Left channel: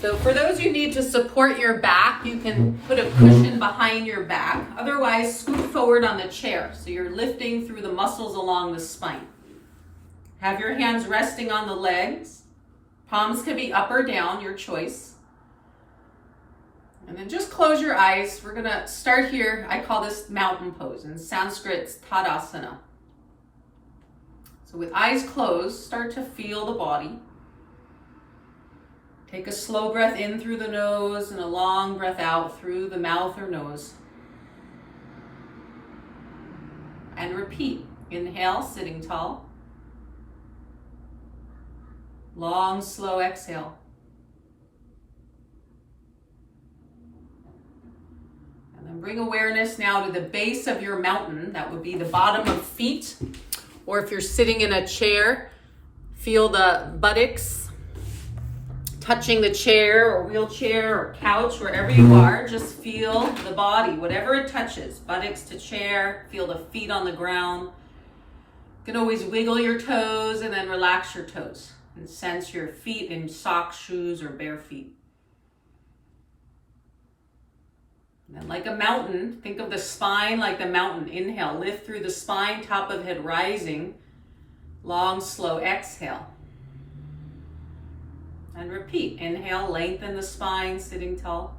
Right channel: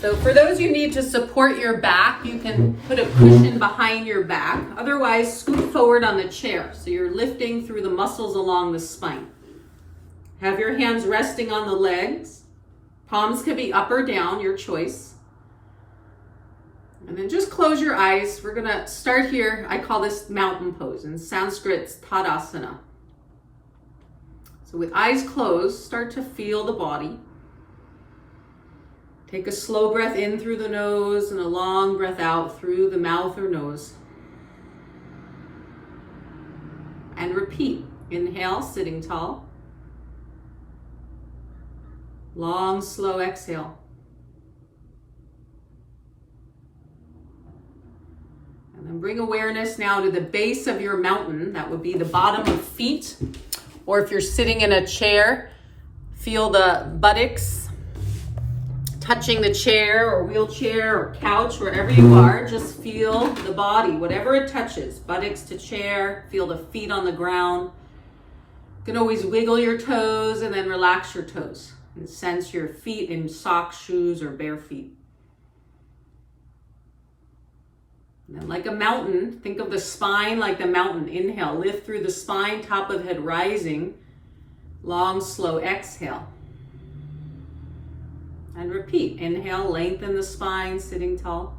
So for those you need to support your back, you can put a cushion behind your back. Otherwise, scoot forward on the chair. So you're lifting through the muscles along the spine. Have your hands resting on the legs. Palms can be up or down, your choice. And then just close your eyes. We're going to start here. I call this mountain pose. In Sanskrit, it's Tadasana. So with eyes closed, start to feel the body. Take a slow breath in through the nose and a long breath out through the mouth or nose. And repeat. Inhale, sitting tall. Long, slow exhale. And then bring awareness now to the base of your mountain. That would be the bottom of feet. Or if you're sitting in a chair, feel the buttocks touching the chair or wheelchair or couch, wherever you are. Just feel the body, whatever it touches. Buttocks to chair, feel the feet on the ground. You can always wiggle your toes and then relax your toes. And sense your feet in socks, shoes, or bare feet. And then like a mountain, think of the spine like the mountain. Inhale, lift through the spine, top of head rising. Long, slow exhale. And repeat. Inhale, lengthen the spine, sitting tall.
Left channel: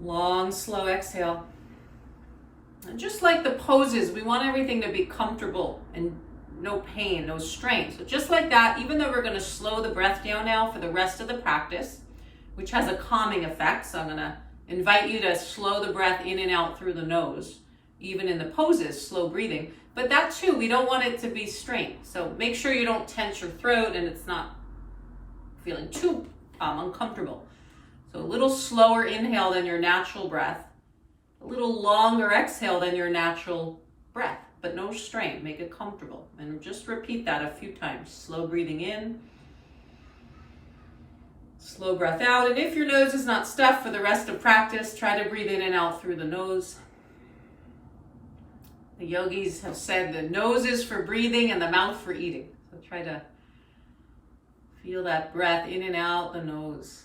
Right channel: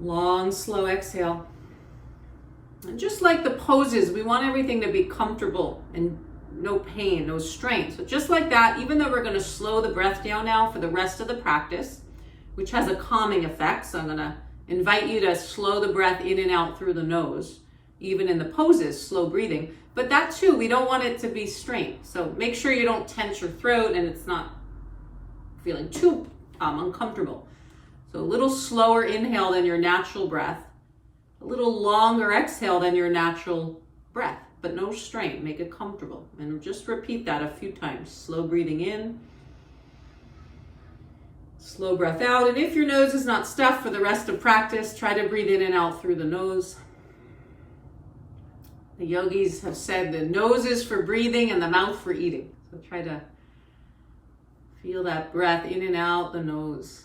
Long, slow exhale. And just like the poses, we want everything to be comfortable and no pain, no strain. So just like that, even though we're going to slow the breath down now for the rest of the practice, which has a calming effect. So I'm going to invite you to slow the breath in and out through the nose, even in the poses, slow breathing. But that too, we don't want it to be strained. So make sure you don't tense your throat and it's not feeling too uncomfortable. So a little slower inhale than your natural breath, a little longer exhale than your natural breath, but no strain. Make it comfortable. And just repeat that a few times. Slow breathing in, slow breath out. And if your nose is not stuffed for the rest of practice, try to breathe in and out through the nose. The yogis have said the nose is for breathing and the mouth for eating. So try to feel that breath in and out the nose.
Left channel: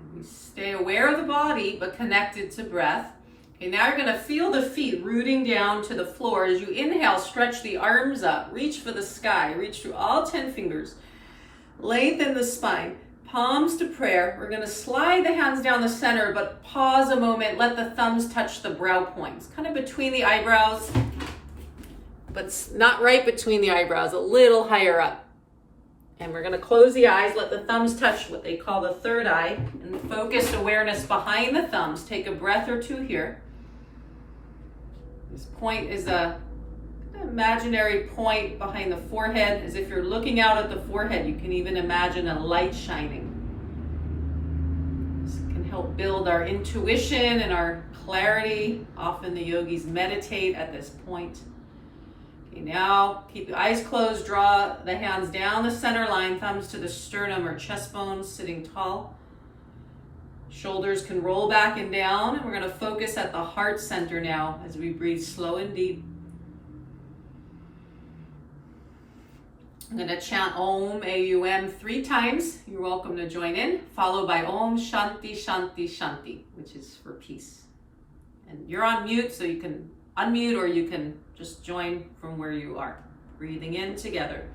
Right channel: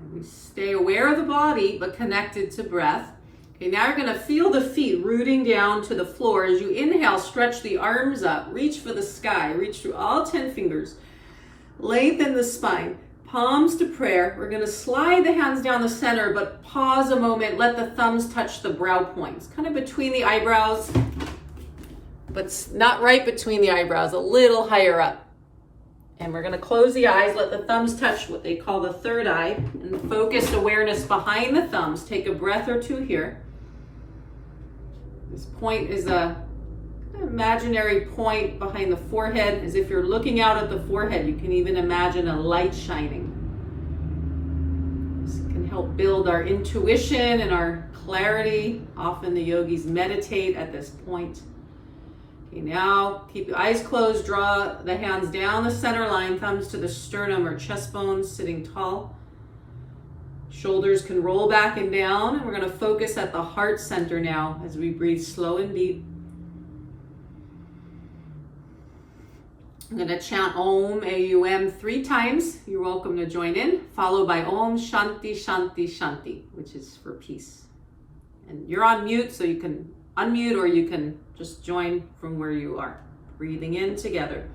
And we stay aware of the body, but connected to breath. Okay, now you're going to feel the feet rooting down to the floor. As you inhale, stretch the arms up. Reach for the sky. Reach through all 10 fingers. Lengthen the spine. Palms to prayer. We're going to slide the hands down the center, but pause a moment. Let the thumbs touch the brow points, kind of between the eyebrows, but not right between the eyebrows, a little higher up. And we're going to close the eyes. Let the thumbs touch what they call the third eye, and focused awareness behind the thumbs. Take a breath or two here. This point is a imaginary point behind the forehead, as if you're looking out at the forehead. You can even imagine a light shining. This can help build our intuition and our clarity. Often the yogis meditate at this point. Okay, now keep the eyes closed. Draw the hands down the center line, thumbs to the sternum or chest bones, sitting tall. Shoulders can roll back and down, and we're going to focus at the heart center now as we breathe slow and deep. I'm going to chant Om, AUM 3 times. You're welcome to join in, followed by Om Shanti, Shanti, Shanti, which is for peace. And you're on mute, so you can unmute or you can just join from where you are. Breathing in together.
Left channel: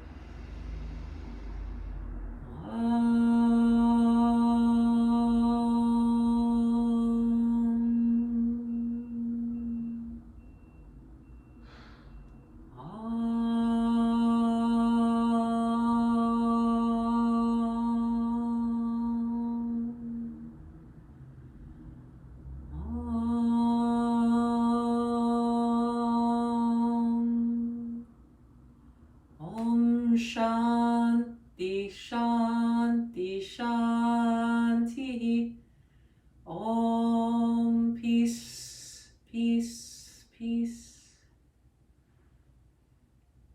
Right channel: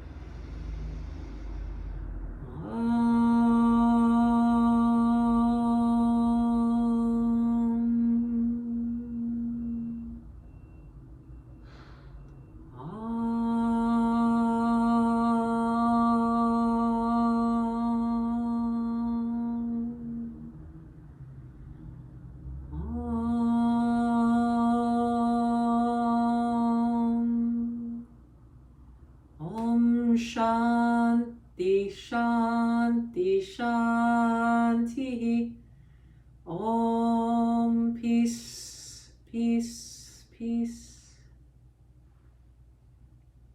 Shanti, Shanti, Shanti. Om, peace, peace, peace.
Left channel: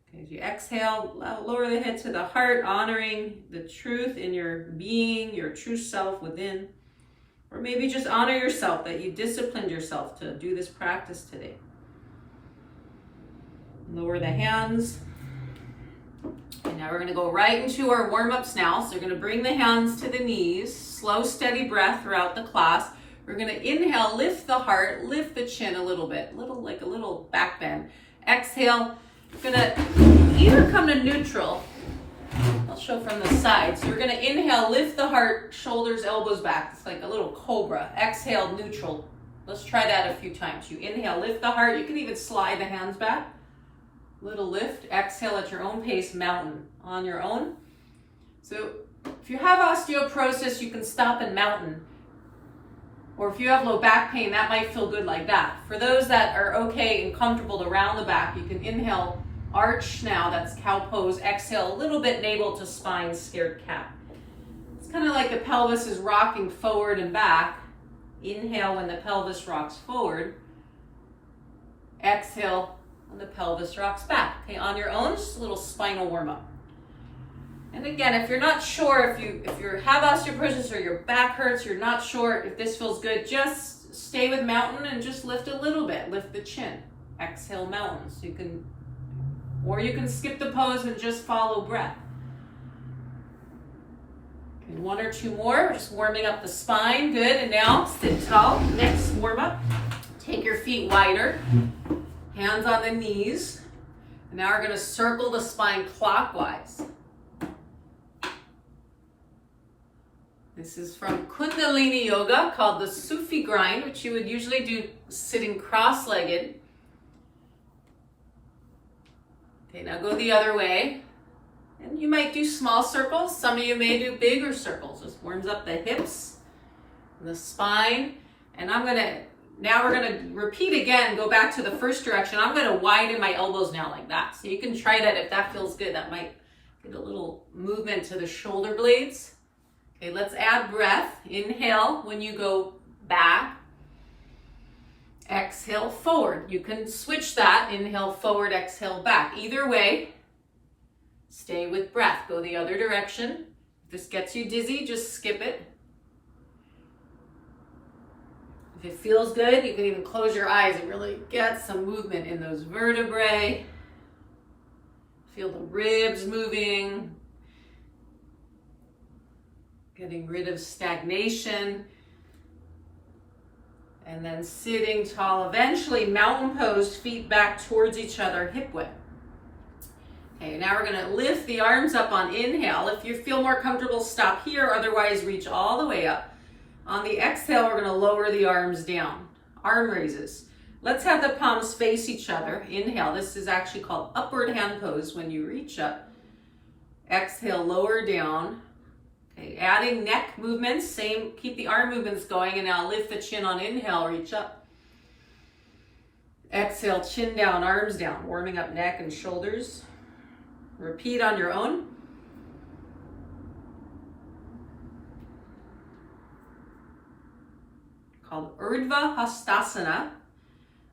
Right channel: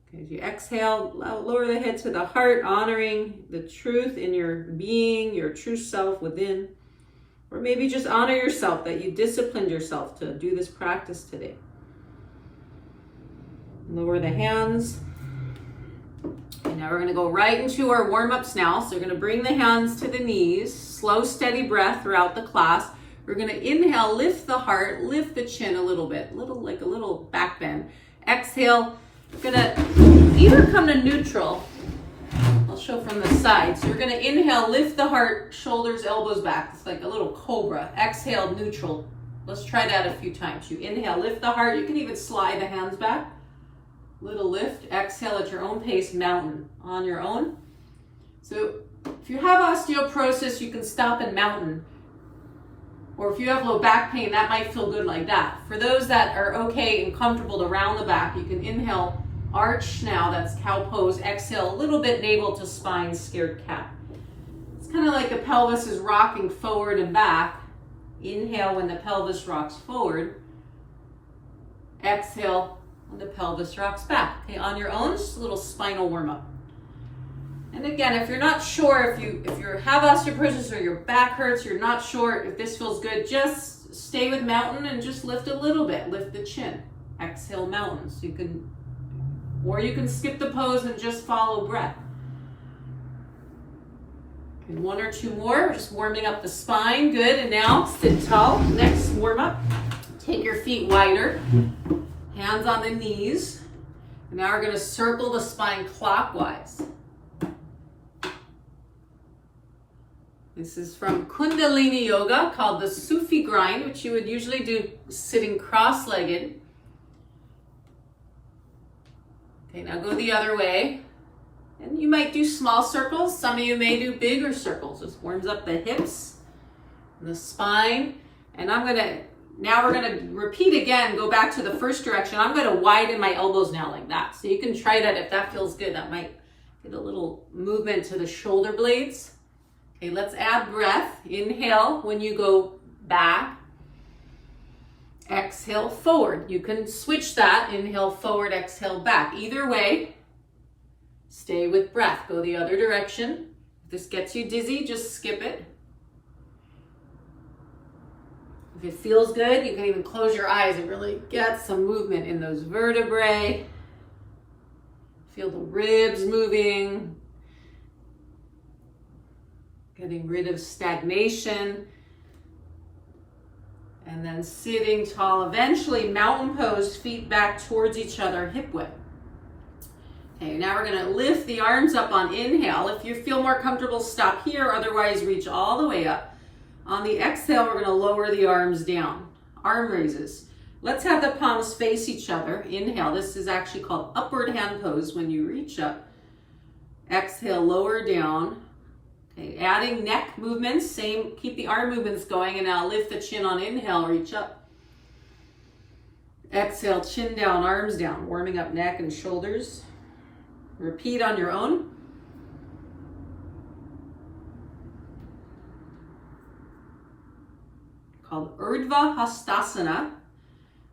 Okay, as you exhale, lower the head to the heart, honoring the truth in your being, your true self within. Or maybe just honor yourself that you disciplined yourself to do this practice today. Lower the hands. And now we're going to go right into our warm-ups now. So we're going to bring the hands to the knees. Slow, steady breath throughout the class. We're going to inhale, lift the heart, lift the chin a little bit, like a little back bend. Exhale, we're going to either come to neutral. I'll show from the side. So you're going to inhale, lift the heart, shoulders, elbows back. It's like a little cobra. Exhale, neutral. Let's try that a few times. You inhale, lift the heart. You can even slide the hands back. Little lift. Exhale at your own pace, mountain on your own. So if you have osteoporosis, you can stop in mountain. Or if you have low back pain, that might feel good like that. For those that are okay and comfortable to round the back, you can inhale, arch now, that's cow pose. Exhale, a little bit navel to spine, scared cat. It's kind of like the pelvis is rocking forward and back. Inhale when the pelvis rocks forward. Exhale when the pelvis rocks back. Okay, on your own, just a little spinal warm-up. And again, if you're not sure, if you have osteoporosis or your back hurts, you're not sure if this feels good, just stay with mountain and just lift a little bit. Lift the chin. Exhale, mountain. So you can skip the pose and just follow breath. Okay, one or two more. We're just warming up the spine. Good. And now sit tall. Next warm up. Take your feet wider. Hands on the knees. And now we're going to circle the spine clockwise. This is from Kundalini Yoga called the Sufi grind, which you would usually do sitting cross-legged. Okay, now go the other way. And you might do small circles. Some of you may do bigger circles. Just warms up the hips and the spine. And now we're going to repeat again, go back to the first direction. I'm going to widen my elbows now like that. So you can try that if that feels good. That might get a little movement to the shoulder blades. Okay, let's add breath. Inhale when you go back. Exhale forward. You can switch that. Inhale forward, exhale back. Either way, stay with breath. Go the other direction. If this gets you dizzy, just skip it. If it feels good, you can even close your eyes and really get some movement in those vertebrae. Feel the ribs moving. Getting rid of stagnation. And then sitting tall. Eventually, mountain pose, feet back towards each other, hip width. Okay, now we're going to lift the arms up on inhale. If you feel more comfortable, stop here. Otherwise, reach all the way up. On the exhale, we're going to lower the arms down. Arm raises. Let's have the palms face each other. Inhale. This is actually called upward hand pose when you reach up. Exhale, lower down. Okay, adding neck movements, same, keep the arm movements going, and now lift the chin on inhale, reach up. Exhale, chin down, arms down, warming up neck and shoulders. Repeat on your own. Called Urdhva Hastasana,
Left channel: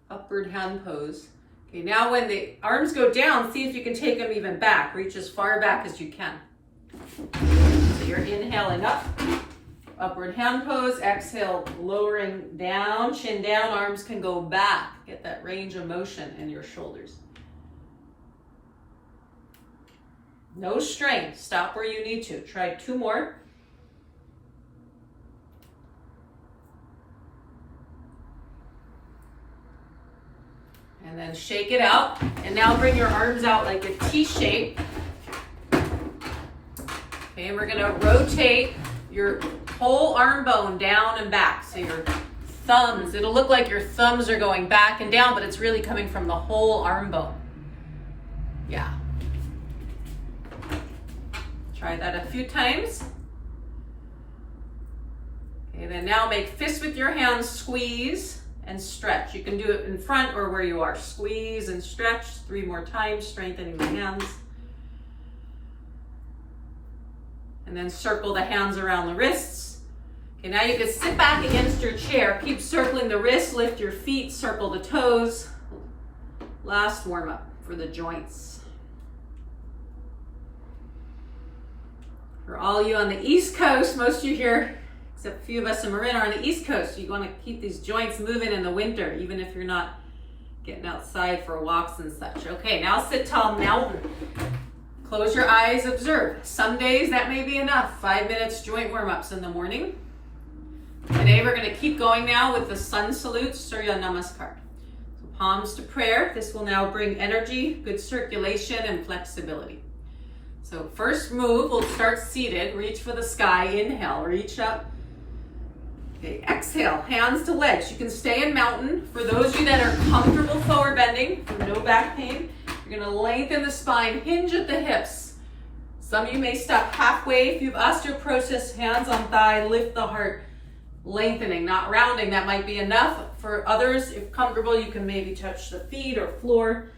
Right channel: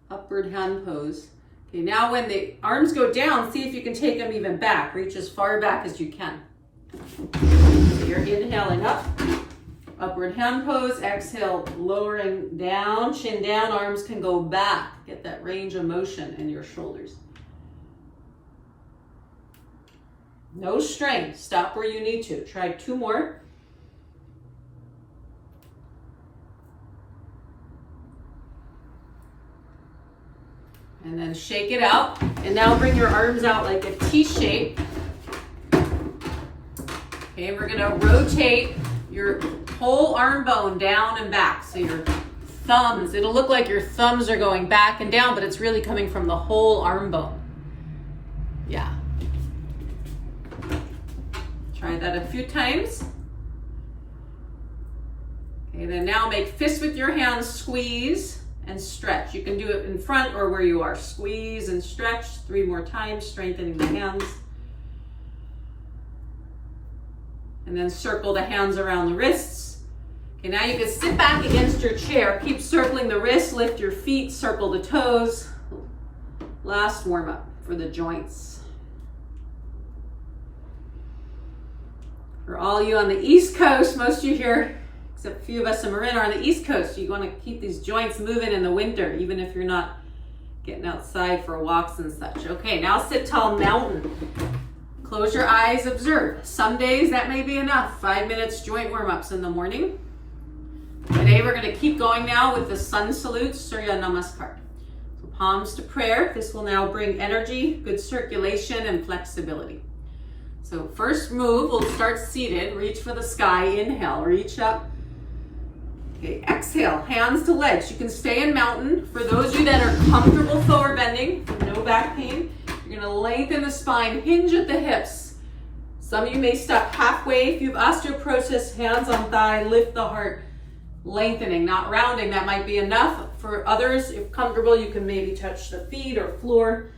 upward hand pose. Okay, now when the arms go down, see if you can take them even back. Reach as far back as you can. So you're inhaling up, upward hand pose, exhale, lowering down, chin down, arms can go back. Get that range of motion in your shoulders. No strain, stop where you need to. Try two more. And then shake it out. And now bring your arms out like a T shape. Okay, we're gonna rotate your whole arm bone down and back. So your thumbs, it'll look like your thumbs are going back and down, but it's really coming from the whole arm bone. Yeah. Try that a few times. Okay, then now make fists with your hands, squeeze and stretch. You can do it in front or where you are. Squeeze and stretch 3 more times, strengthening the hands. And then circle the hands around the wrists. Okay, now you can sit back against your chair. Keep circling the wrists, lift your feet, circle the toes. Last warm up for the joints. For all you on the East Coast, most of you here, except a few of us in Marin, are on the East Coast. You want to keep these joints moving in the winter, even if you're not getting outside for walks and such. Okay, now sit tall mountain. Close your eyes, observe. Some days that may be enough. 5 minutes joint warm-ups in the morning. Today we're going to keep going now with the sun salute, Surya Namaskar. So palms to prayer. This will now bring energy, good circulation, and flexibility. So first move, we'll start seated. Reach for the sky. Inhale, reach up. Okay, exhale, hands to legs. You can stay in mountain. For those of you that are comfortable forward bending, no back pain, you're going to lengthen the spine, hinge at the hips. Some of you may stop halfway. If you have osteoporosis, hands on thigh, lift the heart. Lengthening, not rounding. That might be enough. For others, if comfortable, you can maybe touch the feet or floor.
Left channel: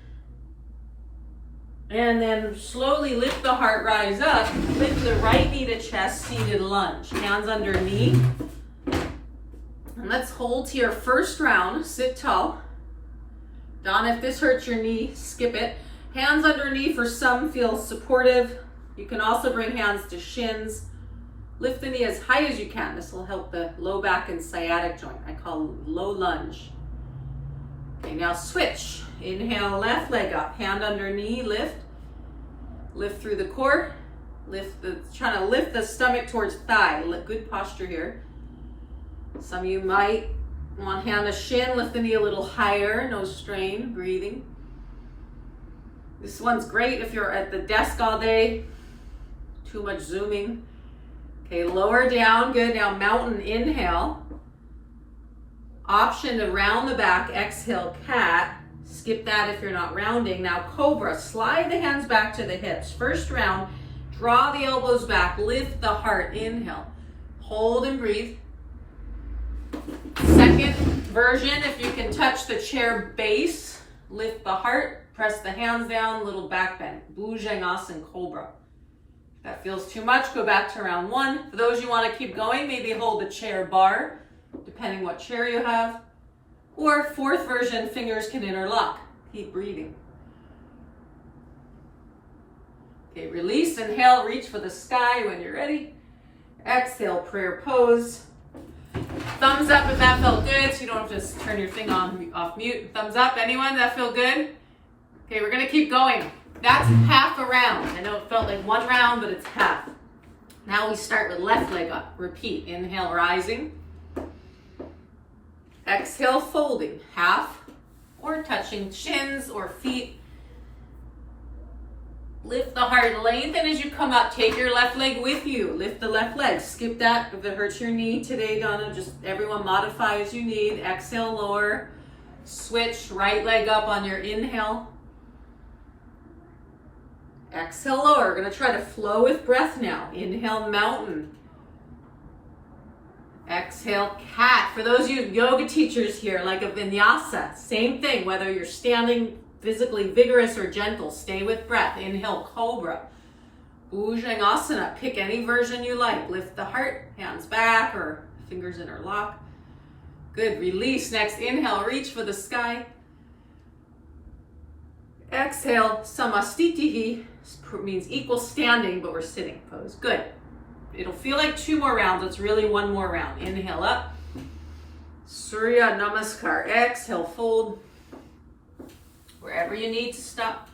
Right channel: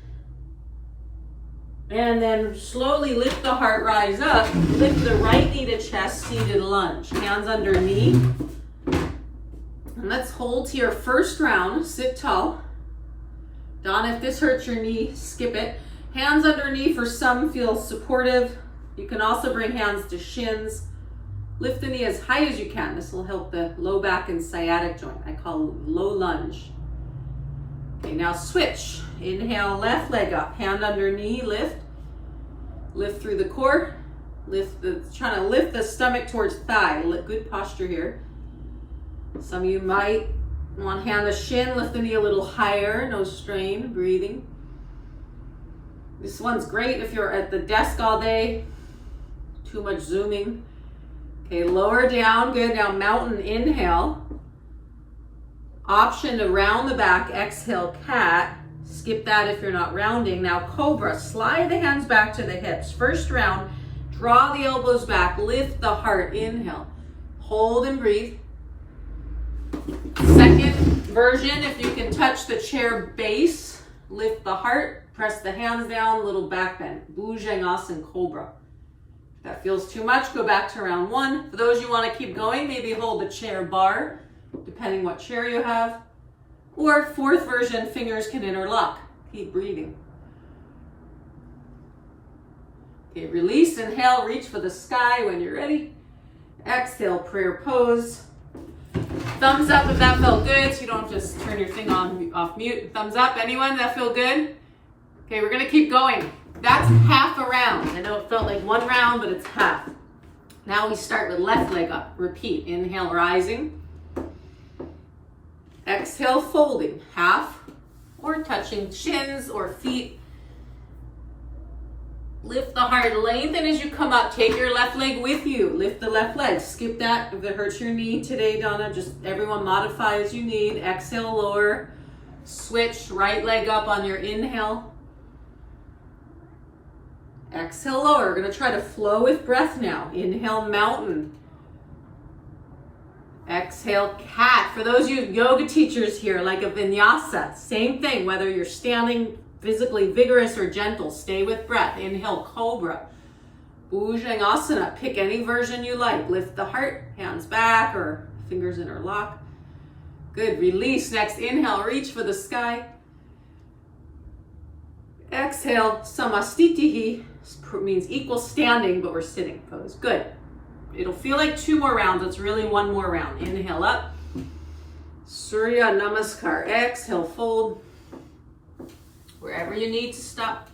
And then slowly lift the heart, rise up. Lift the right knee to chest, seated lunge. Hands under knee. And let's hold here. First round, sit tall. Donna, if this hurts your knee, skip it. Hands underneath for some feel supportive. You can also bring hands to shins. Lift the knee as high as you can. This will help the low back and sciatic joint. I call low lunge. Okay, now switch. Inhale, left leg up. Hand under knee, lift. Lift through the core. Trying to lift the stomach towards thigh. Good posture here. Some of you might want hand to shin, lift the knee a little higher, no strain, breathing. This one's great if you're at the desk all day, too much zooming. Okay, lower down, good. Now mountain, inhale. Option to round the back, exhale, cat. Skip that if you're not rounding. Now cobra, slide the hands back to the hips. First round, draw the elbows back, lift the heart, inhale. Hold and breathe. Second version, if you can touch the chair base, lift the heart, press the hands down, little back bend. Bhujangasana Cobra. If that feels too much, go back to round one. For those you want to keep going, maybe hold the chair bar, depending what chair you have. Or fourth version, fingers can interlock. Keep breathing. Okay, release, inhale, reach for the sky when you're ready. Exhale, prayer pose. Thumbs up if that felt good, so you don't just turn your thing on off mute. Thumbs up, anyone that feel good? Okay, we're gonna keep going. That's half a round. I know it felt like one round, but it's half. Now we start with left leg up. Repeat, inhale, rising. Exhale, folding, half, or touching shins or feet. Lift the heart, lengthen as you come up. Take your left leg with you. Lift the left leg. Skip that if it hurts your knee today, Donna. Just everyone modify as you need. Exhale, lower. Switch, right leg up on your inhale. Exhale, lower. We're going to try to flow with breath now. Inhale, mountain. Exhale, cat. For those of you yoga teachers here, like a vinyasa, same thing. Whether you're standing physically vigorous or gentle, stay with breath. Inhale, cobra. Bhujangasana, pick any version you like. Lift the heart, hands back or fingers interlock. Good, release. Next, inhale, reach for the sky. Exhale, samastitihi, means equal standing, but we're sitting pose. Good. It'll feel like 2 more rounds. It's really 1 more round. Inhale up. Surya Namaskar. Exhale, fold. Wherever you need to stop.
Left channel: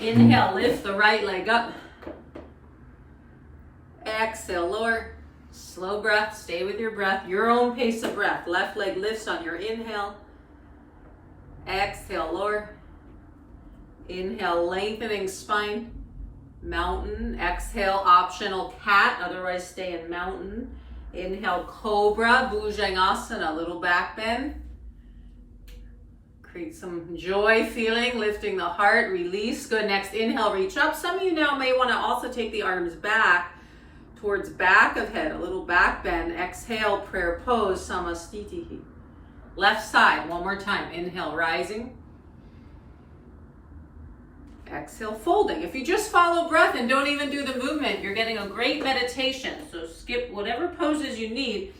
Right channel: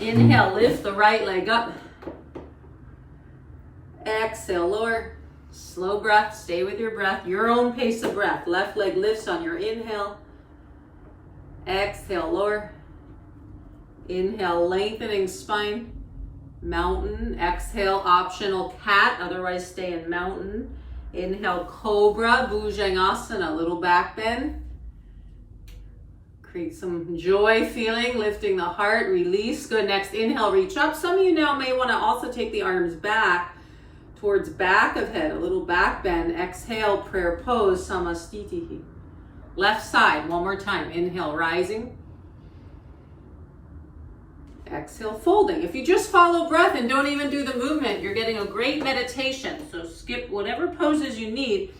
Inhale, lift the right leg up. Exhale, lower. Slow breath, stay with your breath. Your own pace of breath. Left leg lifts on your inhale. Exhale, lower. Inhale, lengthening spine. Mountain. Exhale, optional cat. Otherwise, stay in mountain. Inhale, cobra. Bhujangasana, little back bend. Create some joy feeling, lifting the heart, release. Good, next inhale, reach up. Some of you now may want to also take the arms back towards back of head, a little back bend. Exhale, prayer pose, samastitihi. Left side, one more time. Inhale, rising. Exhale, folding. If you just follow breath and don't even do the movement, you're getting a great meditation. So skip whatever poses you need.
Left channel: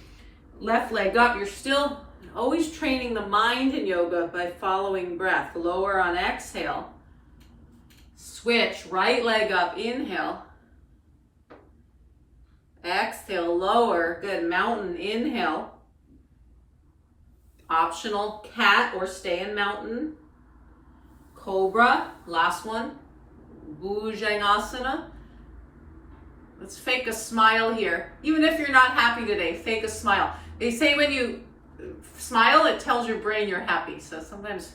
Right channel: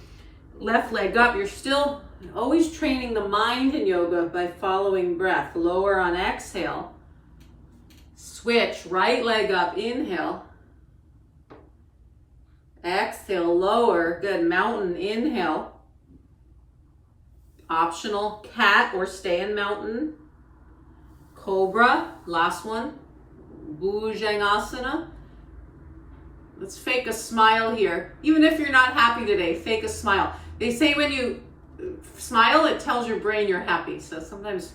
Left leg up, you're still always training the mind in yoga by following breath. Lower on exhale. Switch, right leg up, inhale. Exhale, lower. Good, mountain, inhale. Optional cat or stay in mountain. Cobra, last one. Bhujangasana. Let's fake a smile here. Even if you're not happy today, fake a smile. They say when you smile, it tells your brain you're happy. So sometimes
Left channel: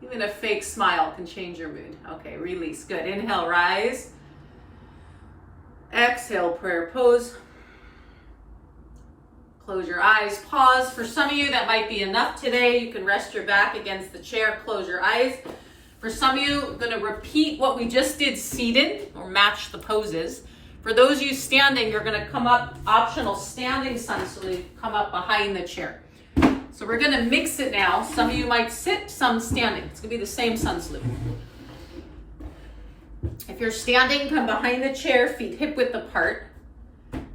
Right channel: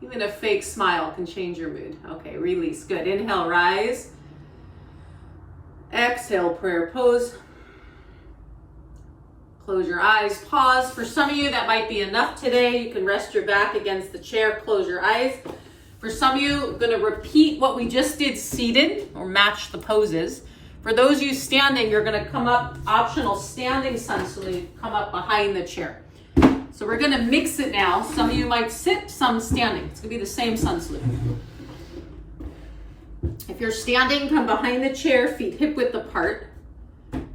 even a fake smile can change your mood. Okay, release. Good. Inhale, rise. Exhale, prayer pose. Close your eyes. Pause. For some of you, that might be enough today. You can rest your back against the chair. Close your eyes. For some of you, I'm going to repeat what we just did seated, or match the poses. For those of you standing, you're going to come up, optional standing sun salute, come up behind the chair. So we're going to mix it now. Some of you might sit, some standing. It's going to be the same sun salute. If you're standing, come behind the chair, feet hip width apart.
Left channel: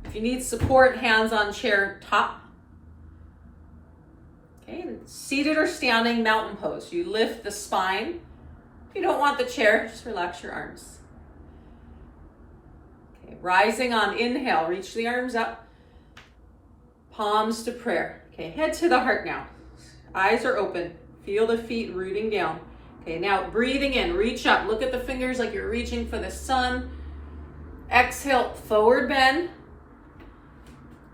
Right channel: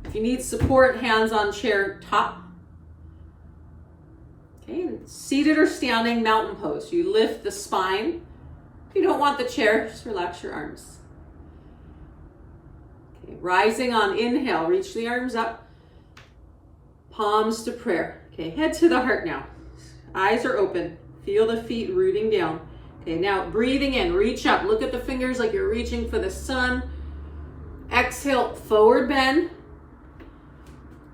If you need support, hands on chair top. Okay, seated or standing, mountain pose. You lift the spine. If you don't want the chair, just relax your arms. Okay, rising on inhale, reach the arms up. Palms to prayer. Okay, head to the heart now. Eyes are open. Feel the feet rooting down. Okay, now breathing in, reach up. Look at the fingers like you're reaching for the sun. Exhale, forward bend.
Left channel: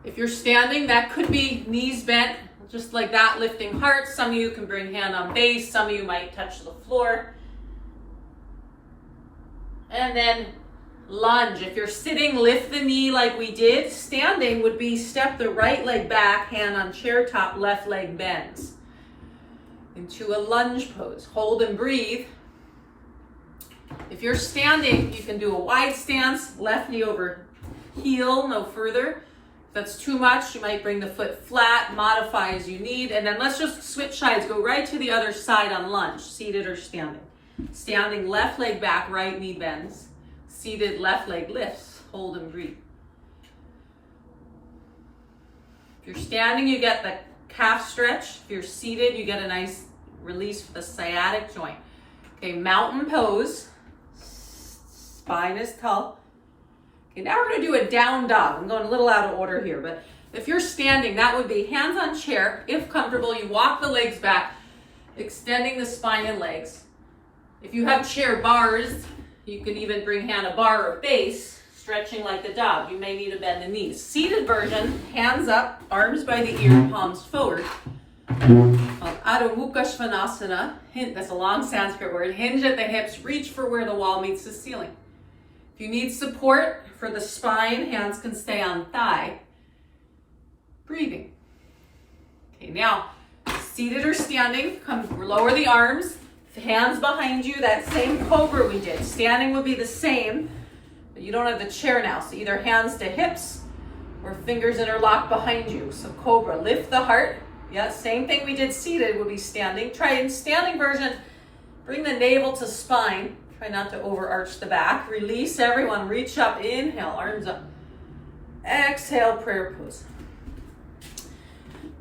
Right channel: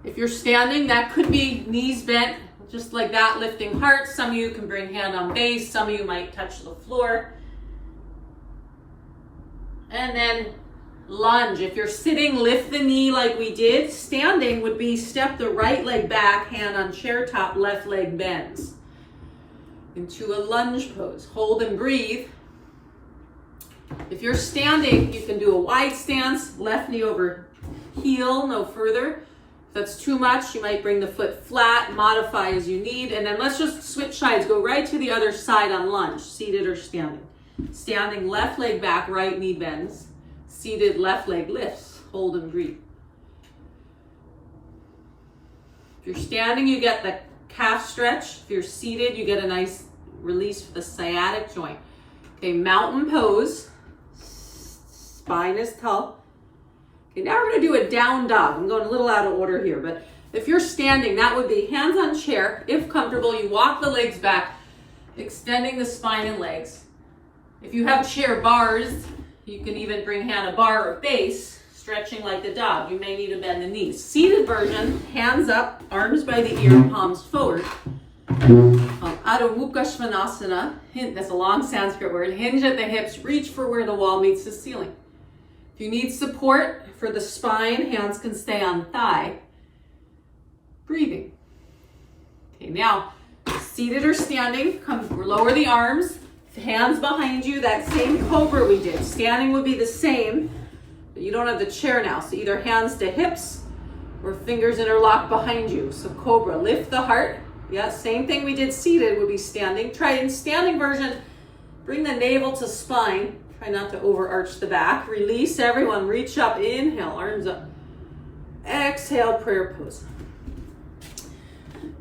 If you're standing, that could be knees bent, just like that, lifting heart. Some of you can bring hand on base. Some of you might touch the floor. And then lunge. If you're sitting, lift the knee like we did. Standing would be step the right leg back, hand on chair top, left leg bends. Into a lunge pose. Hold and breathe. If you're standing, you can do a wide stance, left knee over heel, no further. If that's too much, you might bring the foot flat, modify as you need, and then let's just switch sides. Go right to the other side on lunge, seated or standing. Standing, left leg back, right knee bends. Seated, left leg lifts. Hold and breathe. If you're standing, you get the calf stretch. If you're seated, you get a nice release for the sciatic joint. Okay, mountain pose. Spine is tall. Okay, now we're going to do a down dog. I'm going a little out of order here, but if you're standing, that would be hands on chair. If comfortable, you walk the legs back, extending the spine and legs. If you have chair bars, you can even bring hand a bar or base, stretching like the dog. You may need to bend the knees. Seated version, hands up, arms by the ear, palms forward. Adho Mukha Svanasana, that's a long Sanskrit word. Hinge at the hips, reach for where the wall meets the ceiling. If you need support for the spine, hands can stay on thigh. Breathing. Okay, now, seated or standing, lower the arms. Hands behind you, that same cobra we did. Standing would be the same, but you don't have the chair now. So either hands to hips or fingers interlock behind you. So cobra, lift the heart. Yeah, same thing we did seated would be standing. Try in standing version, bring the navel to spine. Try not to overarch the back. Release everyone, reach up, inhale, arms up. Exhale, prayer pose.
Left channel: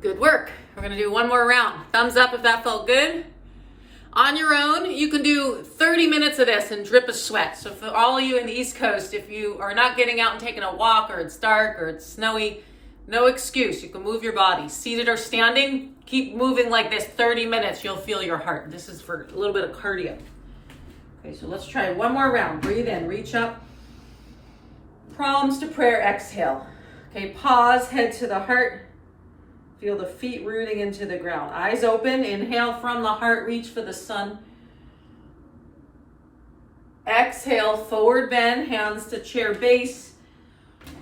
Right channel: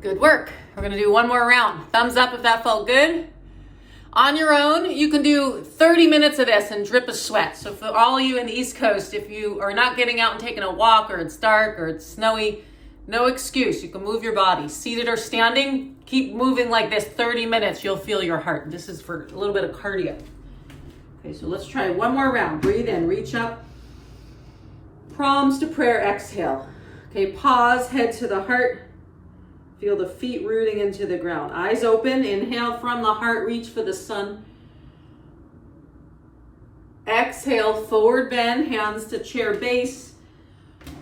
Good work. We're gonna do one more round. Thumbs up if that felt good. On your own, you can do 30 minutes of this and drip a sweat. So for all of you in the East Coast, if you are not getting out and taking a walk, or it's dark or it's snowy, no excuse. You can move your body. Seated or standing, keep moving like this 30 minutes. You'll feel your heart. This is for a little bit of cardio. Okay, so let's try one more round. Breathe in, reach up. Palms to prayer, exhale. Okay, pause, head to the heart. Feel the feet rooting into the ground. Eyes open, inhale from the heart, reach for the sun. Exhale, forward bend, hands to chair base,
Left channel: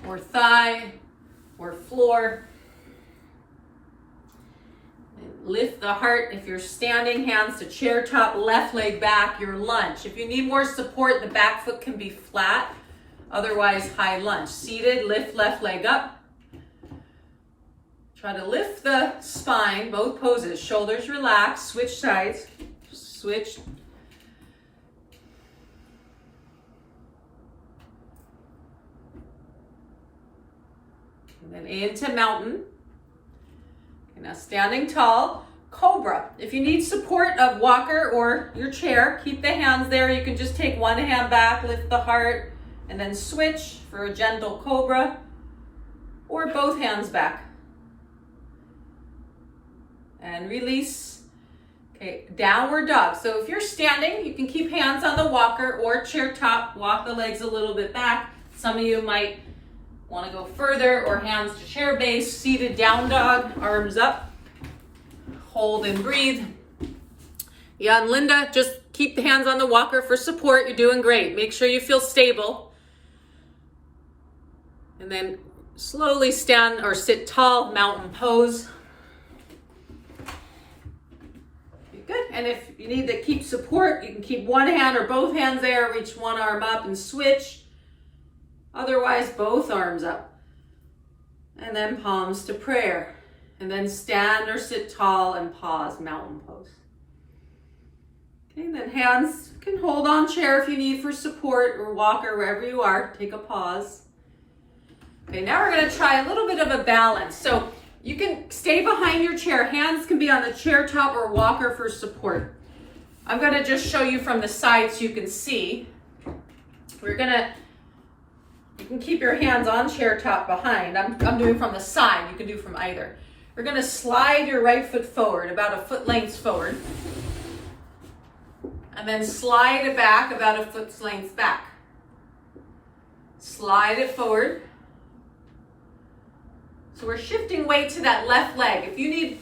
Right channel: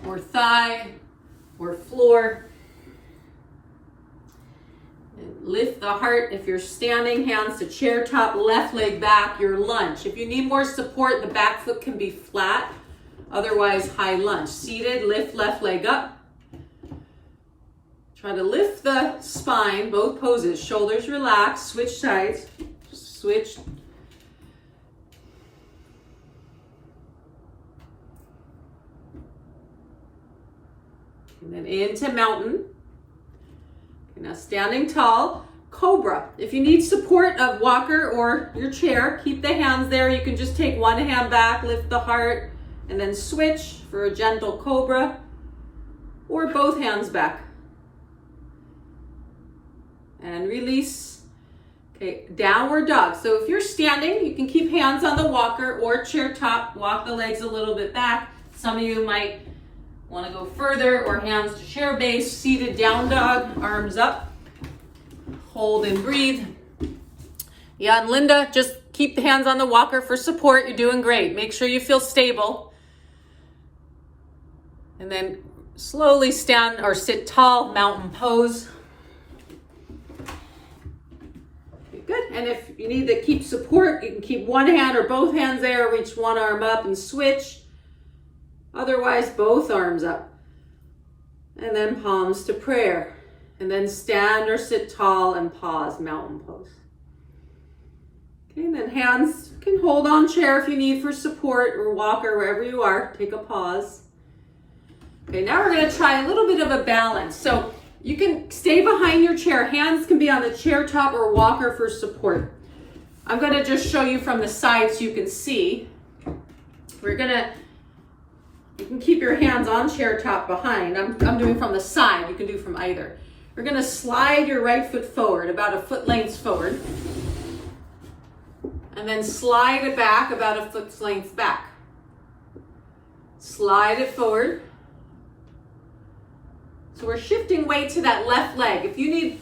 or thigh, or floor. And lift the heart. If you're standing, hands to chair top, left leg back, your lunge. If you need more support, the back foot can be flat, otherwise high lunge. Seated, lift left leg up. Try to lift the spine, both poses, shoulders relaxed, switch sides, switch. And then into mountain. Okay, now standing tall, cobra. If you need support of walker or your chair, keep the hands there. You can just take one hand back, lift the heart, and then switch for a gentle cobra, or both hands back. And release. Okay, downward dog. So if you're standing, you can keep hands on the walker or chair top, walk the legs a little bit back. Some of you might want to go further, or hands to chair base, seated down dog, arms up, hold and breathe. Yeah, and Linda, just keep the hands on the walker for support. You're doing great. Make sure you feel stable. And then slowly stand or sit tall, mountain pose. Good. And if you need to keep support, you can keep one hand or both hands there, reach one arm up and switch. Otherwise, both arms up. And then palms to prayer. And then stand or sit tall and pause, mountain pose. Okay, and then hands can hold on chair if you need for support, or walker, wherever you are. Take a pause. Okay, now we're going to try a little bit of a balance. So you can stay behind your chair. Hands can be on the chair top or walker for support. I'm going to just show you from the side so you can see. You can keep your hands on chair top behind. I'm doing from the side. You can do from either. We're going to slide your right foot forward, about a foot length forward. And then slide it back about a foot's length back. Slide it forward. So we're shifting weight to that left leg. If you need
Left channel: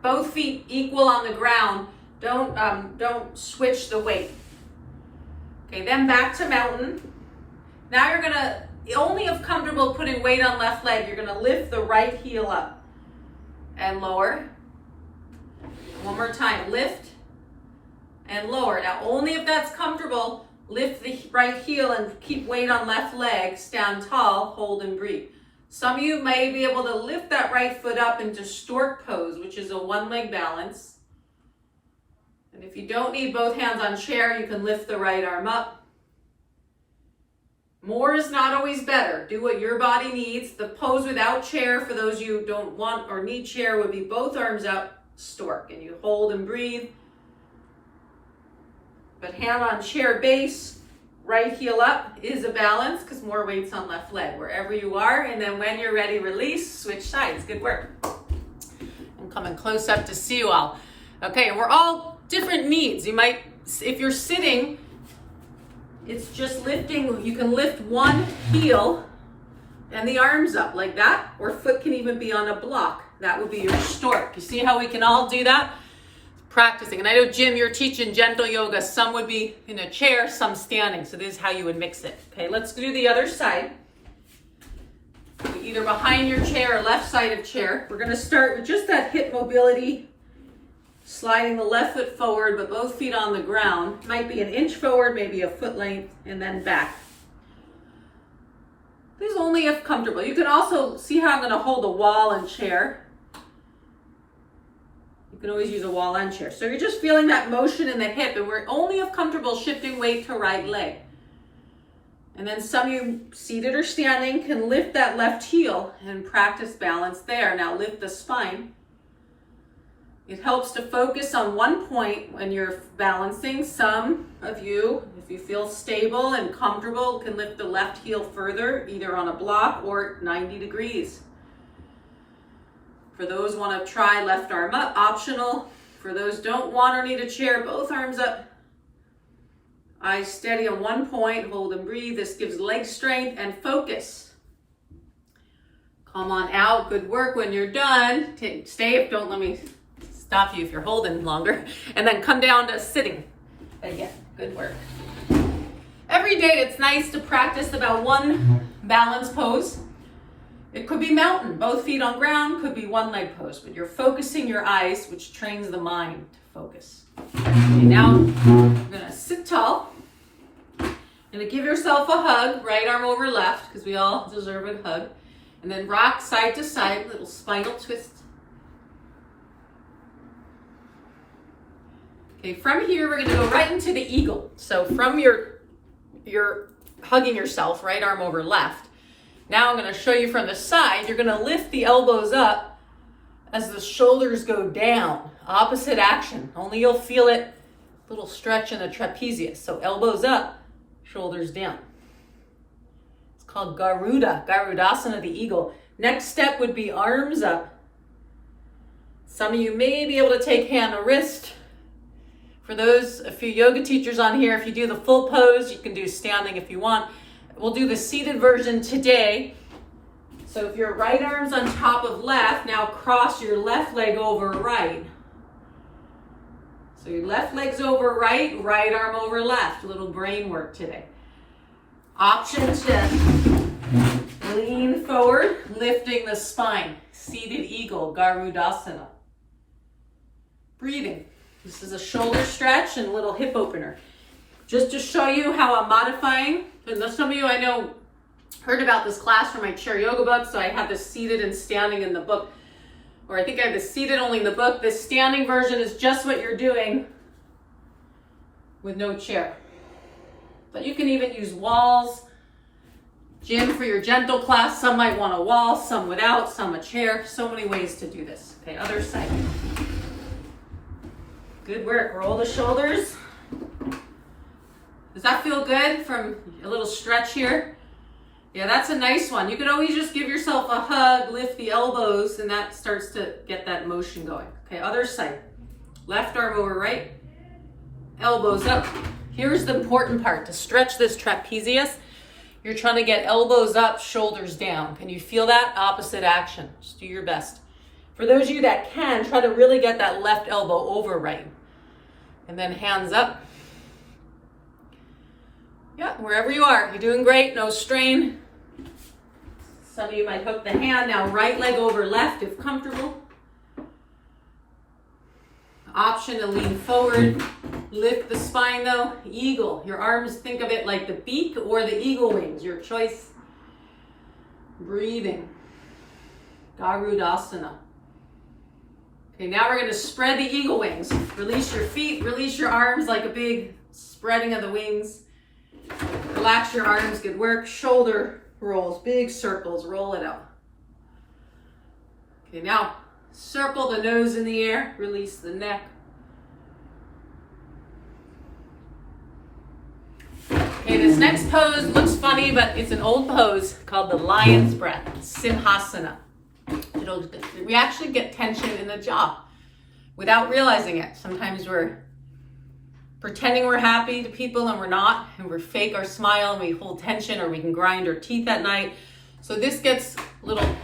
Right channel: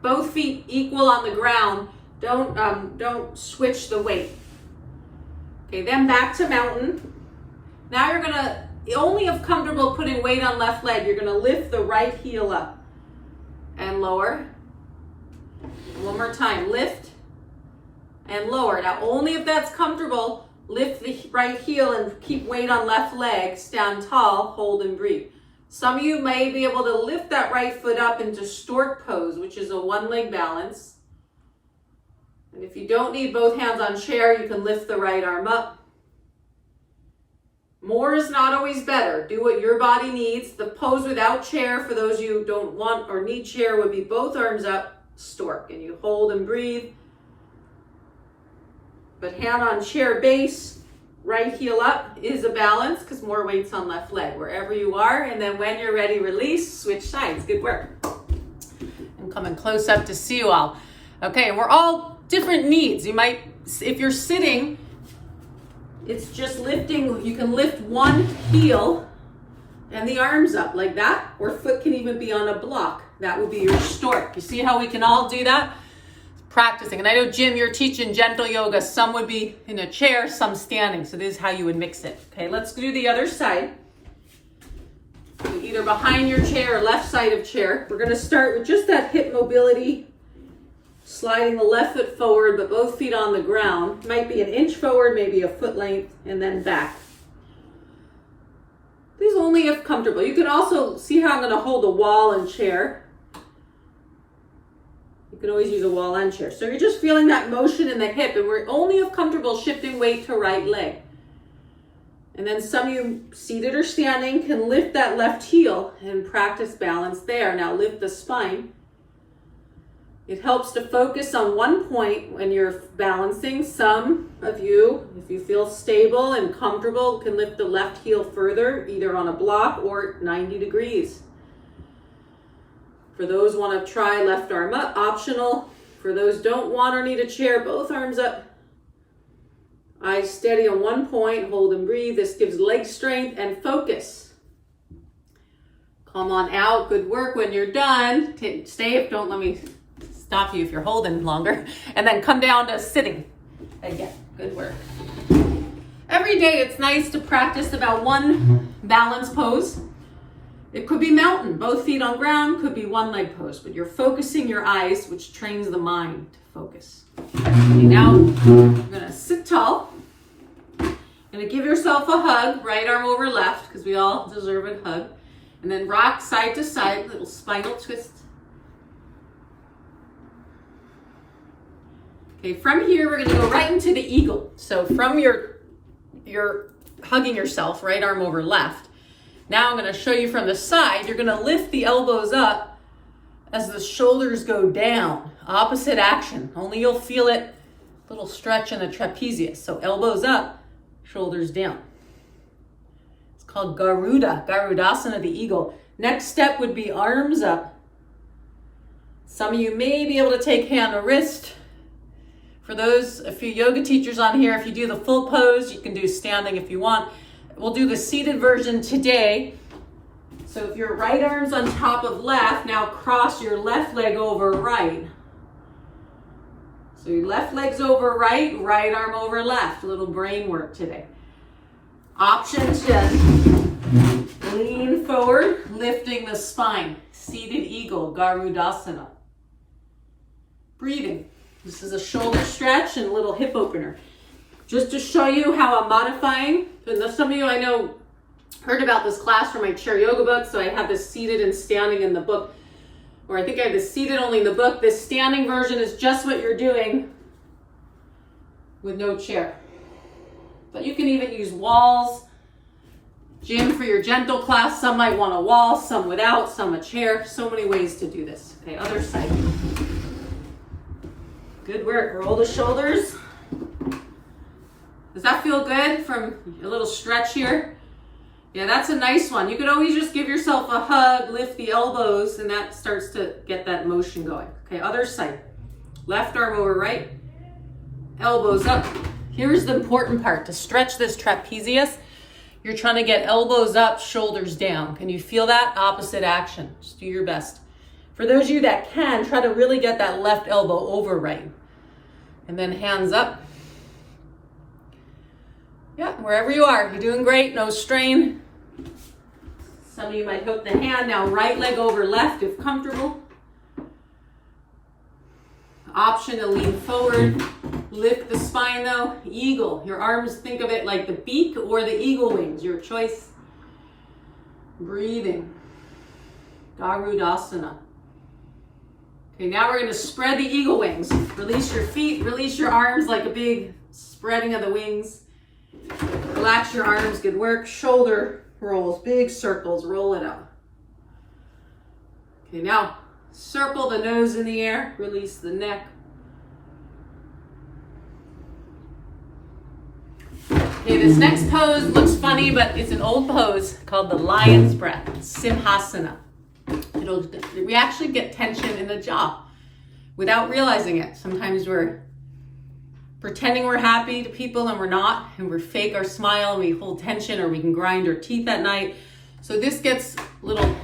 both feet equal on the ground, don't switch the weight. Okay, then back to mountain. Now you're gonna, only if comfortable putting weight on left leg, you're gonna lift the right heel up and lower. One more time, lift and lower. Now only if that's comfortable, lift the right heel and keep weight on left leg, stand tall, hold and breathe. Some of you may be able to lift that right foot up into stork pose, which is a one leg balance. And if you don't need both hands on chair, you can lift the right arm up. More is not always better. Do what your body needs. The pose without chair, for those you don't want or need chair, would be both arms up, stork. And you hold and breathe. But hand on chair base, right heel up is a balance because more weight's on left leg, wherever you are. And then when you're ready, release, switch sides. Good work. I'm coming close up to see you all. Okay, we're all different needs. You might, if you're sitting, it's just lifting. You can lift one heel and the arms up like that, or foot can even be on a block. That would be your stork. You see how we can all do that? Practicing. And I know, Jim, you're teaching gentle yoga. Some would be in a chair, some standing. So this is how you would mix it. Okay, let's do the other side. Either behind your chair or left side of chair. We're going to start with just that hip mobility, sliding the left foot forward, but both feet on the ground. Might be an inch forward, maybe a foot length, and then back. This is only if comfortable. You can also see how I'm going to hold a wall and chair. You can always use a wall and chair. So you're just feeling that motion in the hip, and we're only if comfortable shifting weight to right leg. And then some of you, seated or standing, can lift that left heel and practice balance there. Now lift the spine. It helps to focus on one point when you're balancing. Some of you, if you feel stable and comfortable, can lift the left heel further, either on a block or 90 degrees. For those who want to try, left arm up, optional. For those don't want or need a chair, both arms up. Eyes steady on one point, hold and breathe. This gives leg strength and focus. Come on out, good work. When you're done, stay, don't let me stop you if you're holding longer. And then come down to sitting again, good work. Every day it's nice to practice about one balance pose. It could be mountain, both feet on ground, could be one leg pose, but you're focusing your eyes, which trains the mind to focus. Okay, now you're gonna sit tall. And give yourself a hug, right arm over left, because we all deserve a hug. And then rock side to side, little spinal twist. Okay, from here, we're gonna go right into the eagle. So from you're hugging yourself, right arm over left. Now I'm gonna show you from the side, you're gonna lift the elbows up as the shoulders go down. Opposite action, only you'll feel it, little stretch in the trapezius. So elbows up, shoulders down. It's called Garuda, Garudasana, the eagle. Next step would be arms up. Some of you may be able to take hand or wrist, For those, a few yoga teachers on here, if you do the full pose, you can do standing if you want. We'll do the seated version today. So if your right arm's on top of left, now cross your left leg over right. So your left leg's over right, right arm over left. A little brain work today. Options, just lean forward, lifting the spine. Seated eagle, Garudasana. Breathing. This is a shoulder stretch and a little hip opener. Just to show you how I'm modifying. And some of you I know heard about this class from my chair yoga book, so I have this seated and standing in the book. Or I think I have the seated only in the book. This standing version is just what you're doing with no chair. But you can even use walls. Gym for your gentle class. Some might want a wall, some without, some a chair. So many ways to do this. Okay, other side. Good work. Roll the shoulders. Does that feel good from a little stretch here? Yeah, that's a nice one. You could always just give yourself a hug, lift the elbows, and that starts to get that motion going. Okay, other side. Left arm over right. Elbows up. Here's the important part. To stretch this trapezius, you're trying to get elbows up, shoulders down. Can you feel that? Opposite action. Just do your best. For those of you that can, try to really get that left elbow over right. And then hands up. Yeah, wherever you are. You're doing great. No strain. Some of you might hook the hand. Now right leg over left if comfortable. Option to lean forward. Lift the spine though. Eagle. Your arms, think of it like the beak or the eagle wings. Your choice. Breathing. Garudasana. Okay, now we're going to spread the eagle wings. Release your feet. Release your arms like a big spreading of the wings. Relax your arms. Good work. Shoulder rolls. Big circles. Roll it out. Okay, now circle the nose in the air. Release the neck. Okay, this next pose looks funny, but it's an old pose called the lion's breath, Simhasana. We actually get tension in the jaw without realizing it. Sometimes we're pretending we're happy to people and we're not, and we fake our smile and we hold tension, or we can grind our teeth at night. So this gets a little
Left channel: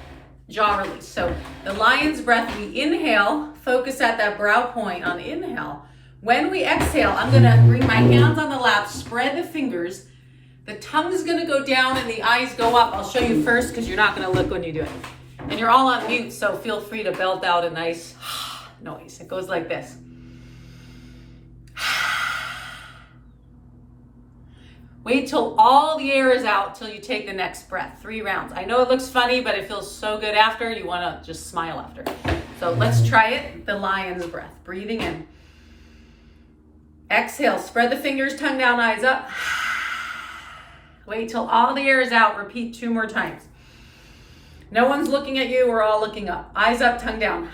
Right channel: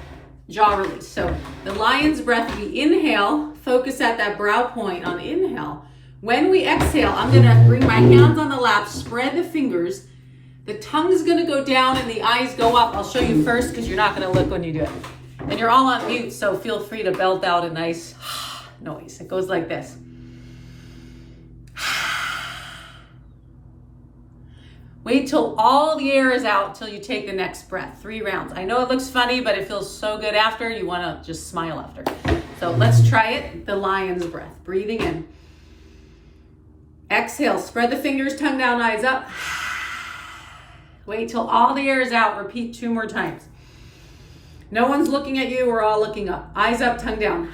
jaw release. So the lion's breath, we inhale, focus at that brow point on inhale. When we exhale, I'm gonna bring my hands on the lap, spread the fingers. The tongue's gonna go down and the eyes go up. I'll show you first because you're not gonna look when you do it. And you're all on mute, so feel free to belt out a nice noise. It goes like this. Wait till all the air is out till you take the next breath. 3 rounds. I know it looks funny, but it feels so good after. You wanna just smile after. So let's try it. The lion's breath. Breathing in. Exhale, spread the fingers, tongue down, eyes up. Wait till all the air is out. Repeat 2 more times. No one's looking at you. We're all looking up. Eyes up, tongue down.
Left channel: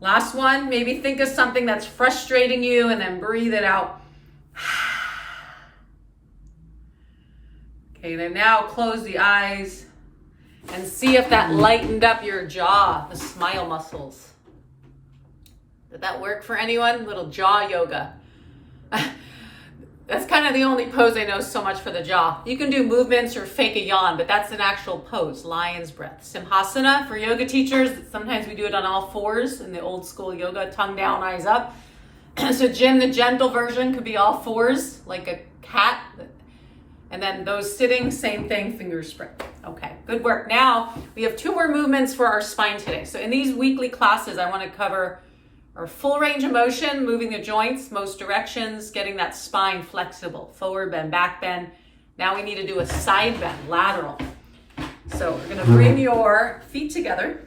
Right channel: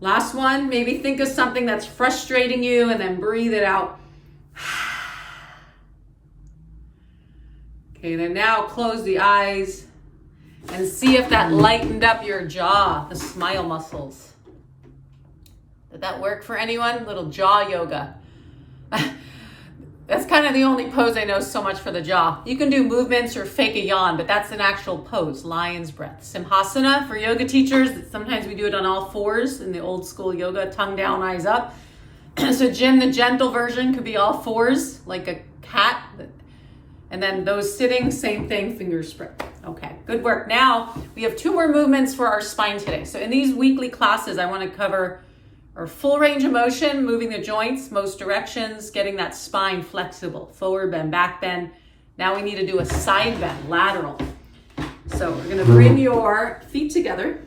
Last one. Maybe think of something that's frustrating you and then breathe it out. Okay, then now close the eyes and see if that lightened up your jaw, the smile muscles. Did that work for anyone? Little jaw yoga. That's kind of the only pose I know so much for the jaw. You can do movements or fake a yawn, but that's an actual pose, lion's breath. Simhasana for yoga teachers. Sometimes we do it on all 4s in the old school yoga, tongue down, eyes up. So Jim, the gentle version could be all 4s, like a cat. And then those sitting, same thing, fingers spread. Okay, good work. Now we have 2 more movements for our spine today. So in these weekly classes, I want to cover our full range of motion, moving the joints, most directions, getting that spine flexible, forward bend, back bend. Now we need to do a side bend, lateral. So we're gonna bring your feet together.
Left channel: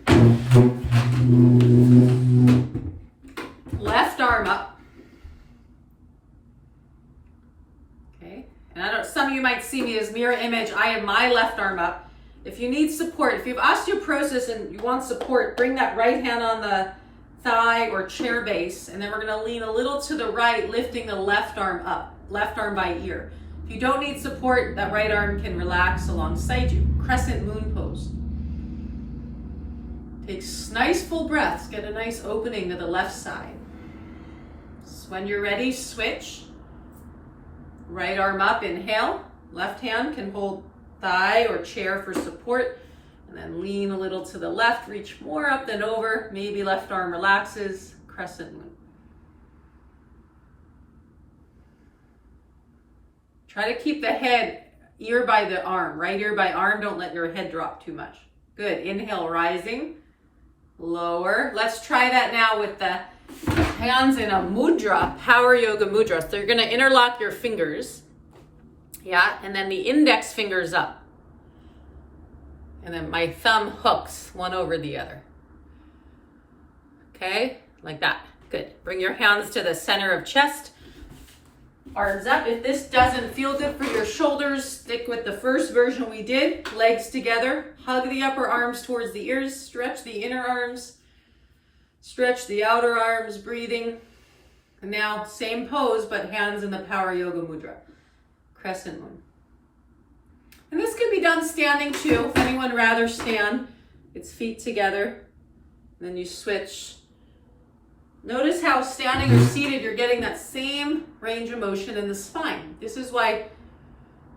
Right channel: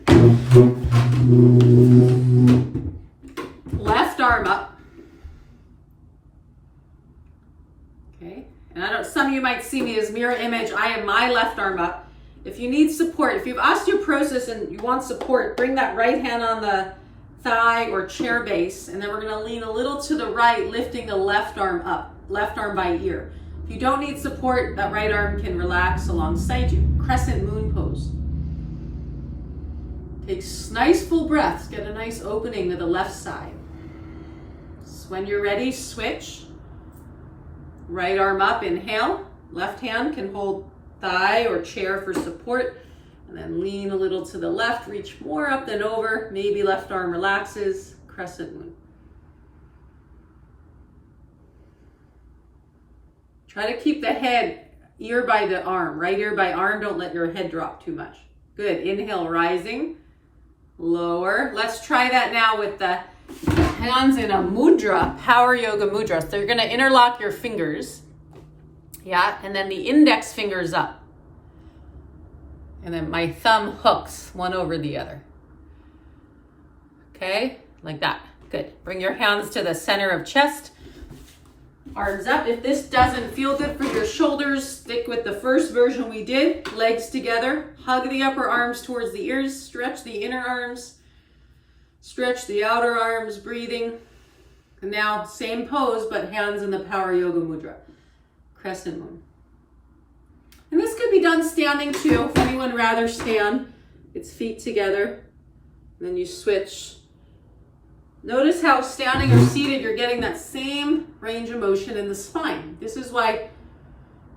Left arm up. Okay, and some of you might see me as mirror image. I have my left arm up. If you need support, if you have osteoporosis and you want support, bring that right hand on the thigh or chair base, and then we're going to lean a little to the right, lifting the left arm up, left arm by ear. If you don't need support, that right arm can relax alongside you. Crescent moon pose. Take nice full breaths. Get a nice opening to the left side. So when you're ready, switch. Right arm up, inhale. Left hand can hold thigh or chair for support. And then lean a little to the left. Reach more up than over. Maybe left arm relaxes. Crescent moon. Try to keep the head ear by the arm. Right ear by arm. Don't let your head drop too much. Good. Inhale, rising. Lower. Let's try that now with the hands in a mudra, power yoga mudra. So you're going to interlock your fingers. Yeah. And then the index fingers up. And then my thumb hooks one over the other. Okay. Like that. Good. Bring your hands to the center of chest. Arms up. If this doesn't feel good for your shoulders, stick with the first version we did. Legs together. Hug the upper arms towards the ears. Stretch the inner arms. Stretch the outer arms, breathing. And now, same pose, but hands in the power yoga mudra. Crescent moon. And this could be done standing too. If anyone rather stand, it's feet together. And then you switch. Notice how standing or seated, you're getting that same range of motion in the spine. This is why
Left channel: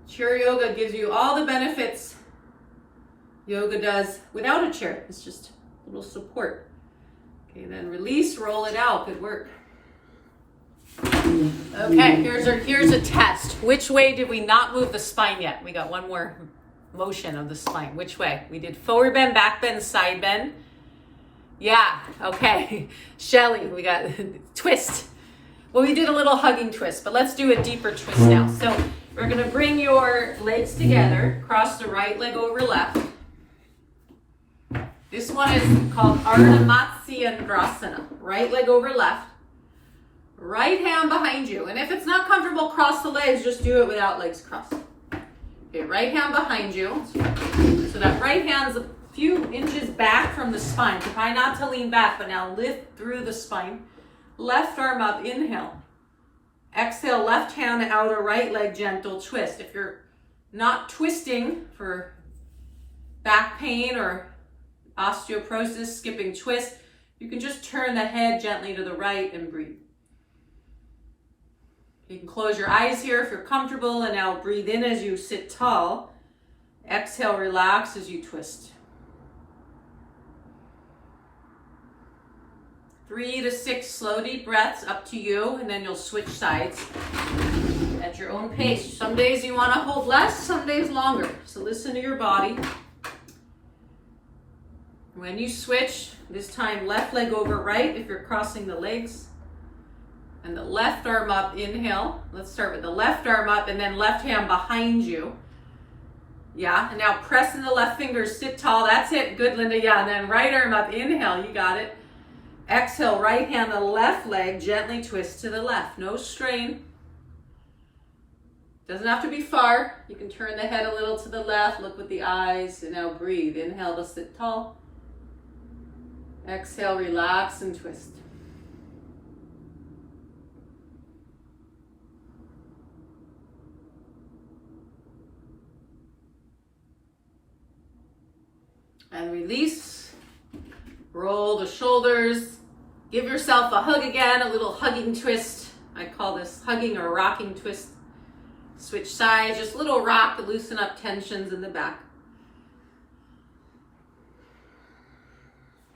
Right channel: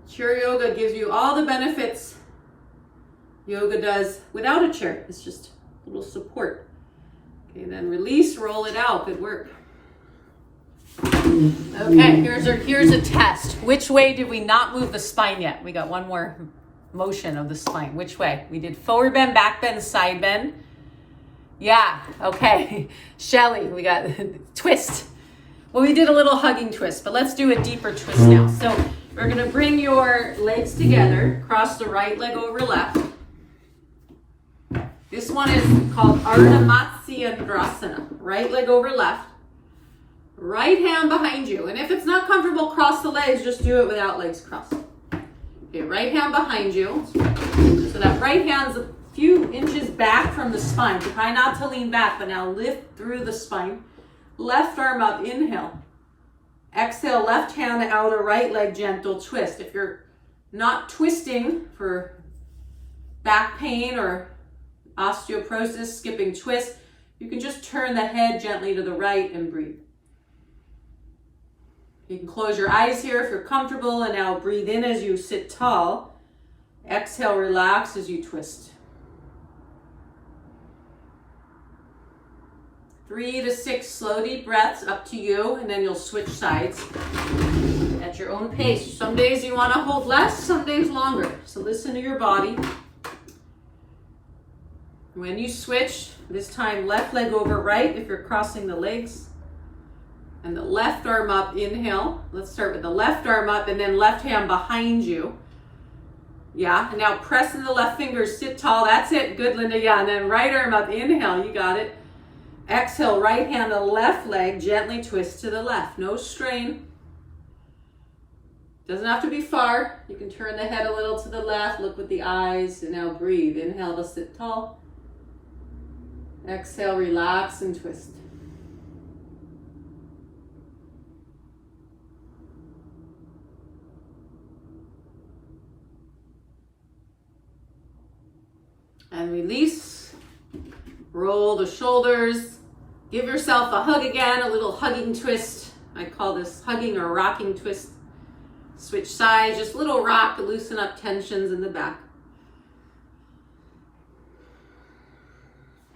chair yoga gives you all the benefits yoga does without a chair. It's just a little support. Okay, then release, roll it out. Good work. Okay, here's a test. Which way did we not move the spine yet? We got one more motion of the spine. Which way? We did forward bend, back bend, side bend. Yeah, okay. Shelly, we got twist. Well, we did a little hugging twist, but let's do a deeper twist now. So we're gonna bring your legs together, cross the right leg over left. This one is called Ardha Matsyendrasana. Right leg over left. Right hand behind you. And if it's not comfortable, cross the legs, just do it without legs crossed. Okay, right hand behind you. So that right hand's a few inches back from the spine. So try not to lean back, but now lift through the spine. Left arm up, inhale. Exhale, left hand, outer right leg, gentle twist. If you're not twisting for back pain or osteoporosis, skipping twist, you can just turn the head gently to the right and breathe. You can close your eyes here if you're comfortable, and now breathe in as you sit tall. Exhale, relax as you twist. 3 to 6 slow deep breaths, up to you, and then you'll switch sides at your own pace. Some days you want to hold less, some days longer. So listen to your body. When you switch, this time left leg over right if you're crossing the legs. And the left arm up, inhale. Let's start with the left arm up and then left hand behind you. Yeah, and now press in the left fingers, sit tall. That's it, good, Linda. Yeah, and then right arm up, inhale, you got it. Exhale, right hand, the left leg, gently twist to the left. No strain. Doesn't have to be far. You can turn the head a little to the left, look with the eyes, and now breathe. Inhale to sit tall. Exhale, relax and twist. And release. Roll the shoulders. Give yourself a hug again, a little hugging twist. I call this hugging or rocking twist. Switch sides, just a little rock to loosen up tensions in the back.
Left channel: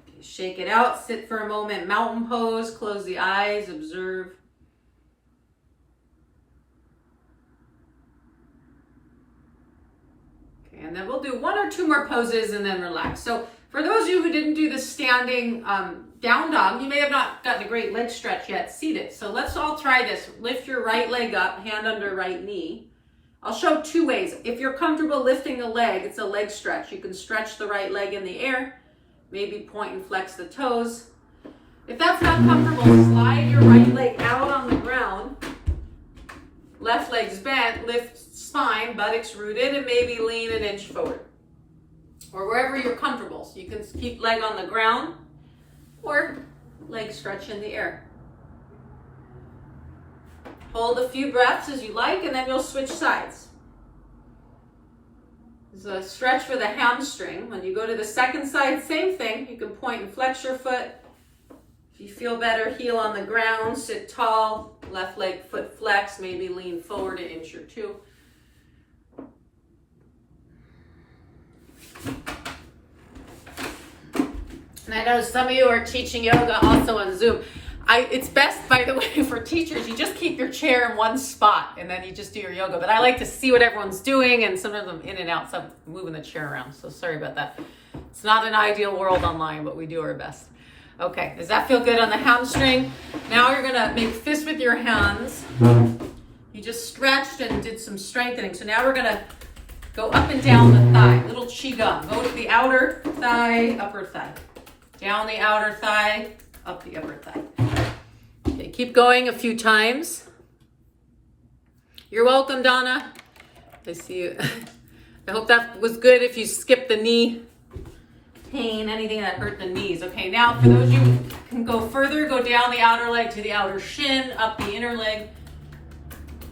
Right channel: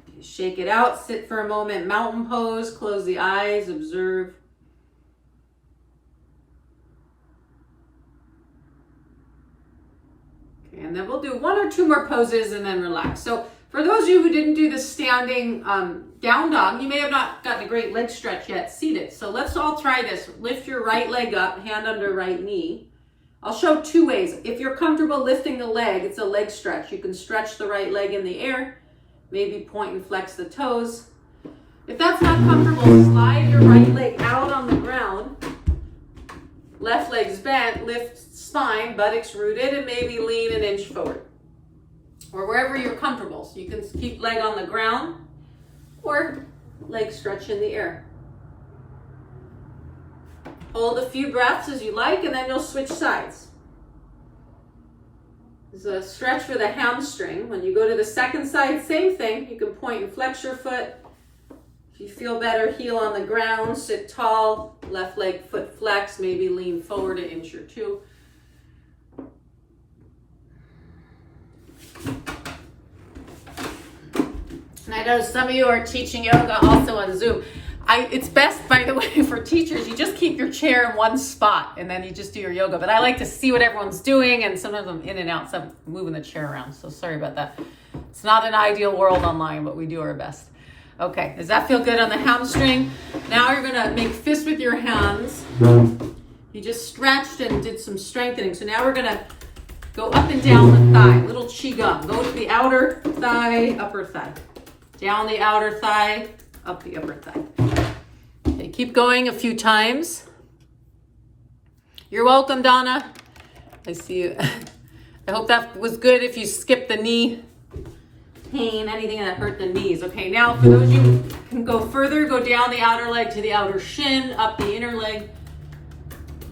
Okay, shake it out, sit for a moment, mountain pose, close the eyes, observe. Okay, and then we'll do 1 or 2 more poses and then relax. So for those of you who didn't do the standing down dog, you may have not gotten a great leg stretch yet, seated. So let's all try this. Lift your right leg up, hand under right knee. I'll show 2 ways. If you're comfortable lifting the leg, it's a leg stretch. You can stretch the right leg in the air, maybe point and flex the toes. If that's not comfortable, slide your right leg out on the ground. Left leg's bent, lift spine, buttocks rooted, and maybe lean an inch forward. Or wherever you're comfortable. So you can keep leg on the ground or leg stretch in the air. Hold a few breaths as you like, and then you'll switch sides. So stretch for the hamstring. When you go to the second side, same thing. You can point and flex your foot. If you feel better, heel on the ground, sit tall, left leg foot flex, maybe lean forward an inch or two. And I know some of you are teaching yoga also on Zoom. It's best, by the way, for teachers, you just keep your chair in one spot and then you just do your yoga. But I like to see what everyone's doing, and sometimes I'm in and out, so I'm moving the chair around. So sorry about that. It's not an ideal world online, but we do our best. Okay, does that feel good on the hamstring? Now you're gonna make fists with your hands. You just stretched and did some strengthening. So now we're gonna go up and down the thigh, little qigong. Go to the outer thigh, upper thigh. Down the outer thigh, up the upper thigh. Okay, keep going a few times. You're welcome, Donna. I see you. I hope that was good. If you skipped the knee pain, anything that hurt the knees. Okay, now for those of you who can go further, go down the outer leg to the outer shin, up the inner leg.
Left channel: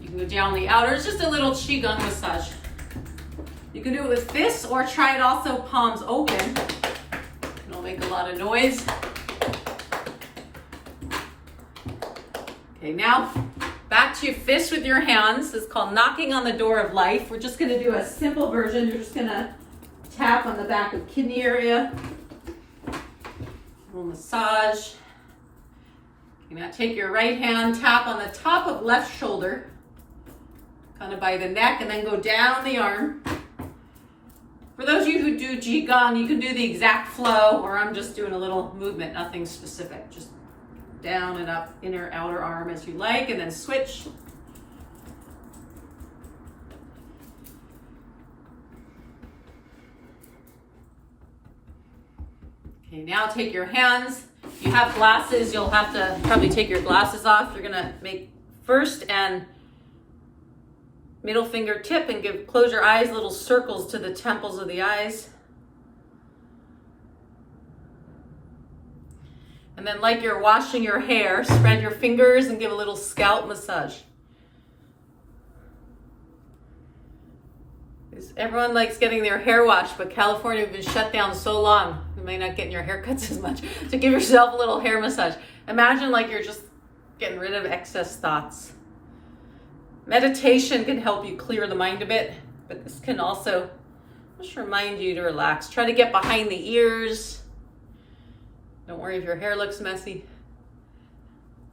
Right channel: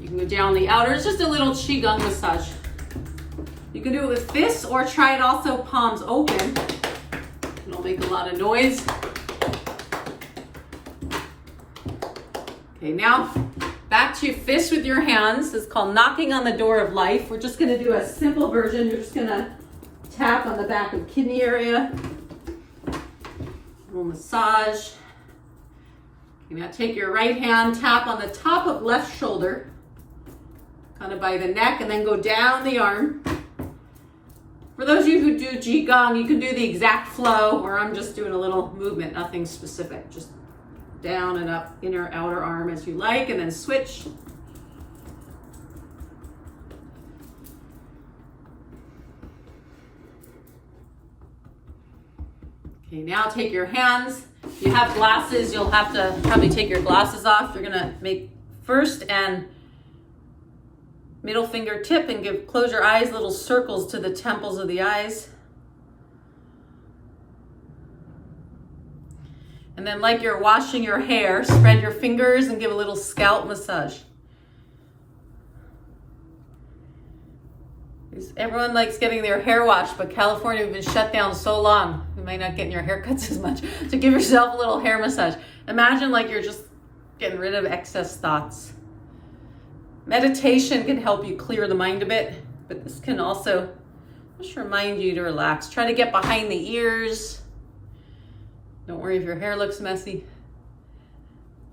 You can go down the outer. It's just a little qigong massage. You can do it with fists or try it also palms open. It'll make a lot of noise. Okay, now back to fists with your hands. It's called knocking on the door of life. We're just gonna do a simple version. You're just gonna tap on the back of kidney area. A little massage. Okay, now take your right hand, tap on the top of left shoulder, kind of by the neck, and then go down the arm. For those of you who do qigong, you can do the exact flow, or I'm just doing a little movement, nothing specific. Just down and up, inner, outer arm as you like, and then switch. Okay, now take your hands. If you have glasses, you'll have to probably take your glasses off. You're gonna make first and middle finger tip and close your eyes, little circles to the temples of the eyes. And then like you're washing your hair, spread your fingers and give a little scalp massage. Everyone likes getting their hair washed, but California has been shut down so long, you might not get your haircuts as much. So give yourself a little hair massage. Imagine like you're just getting rid of excess thoughts. Meditation can help you clear the mind a bit, but this can also just remind you to relax. Try to get behind the ears. Don't worry if your hair looks messy.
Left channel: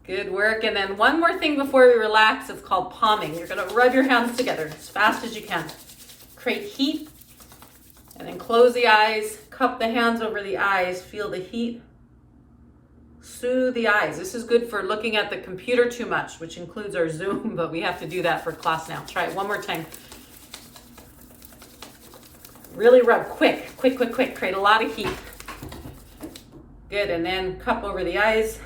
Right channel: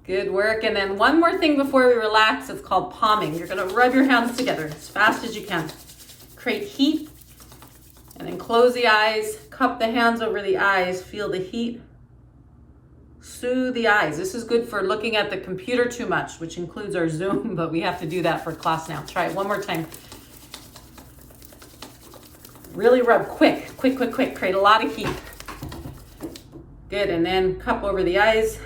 Good work. And then one more thing before we relax, it's called palming. You're gonna rub your hands together as fast as you can. Create heat, and then close the eyes, cup the hands over the eyes, feel the heat. Soothe the eyes. This is good for looking at the computer too much, which includes our Zoom, but we have to do that for class now. Try it one more time. Really rub quick. Create a lot of heat. Good, and then cup over the eyes.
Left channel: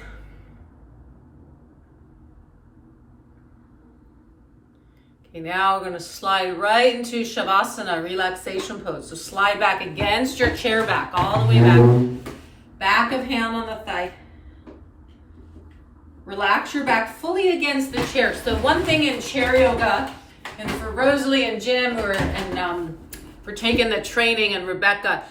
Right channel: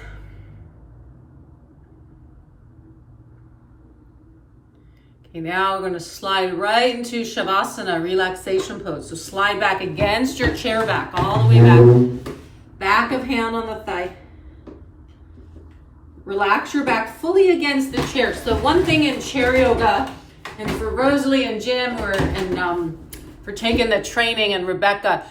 Okay, now we're gonna slide right into Shavasana, relaxation pose. So slide back against your chair back, all the way back. Back of hand on the thigh. Relax your back fully against the chair. So one thing in chair yoga, and for Rosalie and Jim, for taking the training, and Rebecca,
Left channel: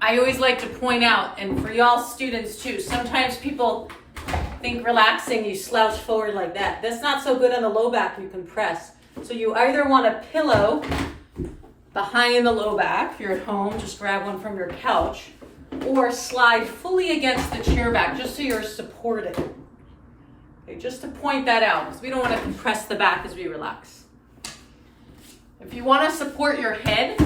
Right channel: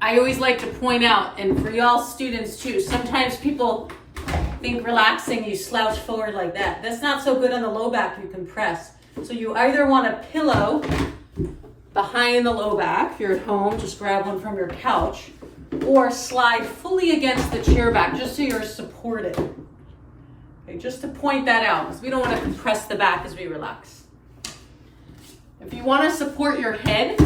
I always like to point out, and for y'all students too, sometimes people think relaxing, you slouch forward like that. That's not so good on the low back, you compress. So you either want a pillow behind the low back. If you're at home, just grab one from your couch, or slide fully against the chair back, just so you're supported. Okay, just to point that out, because we don't want to compress the back as we relax. If you want to support your head,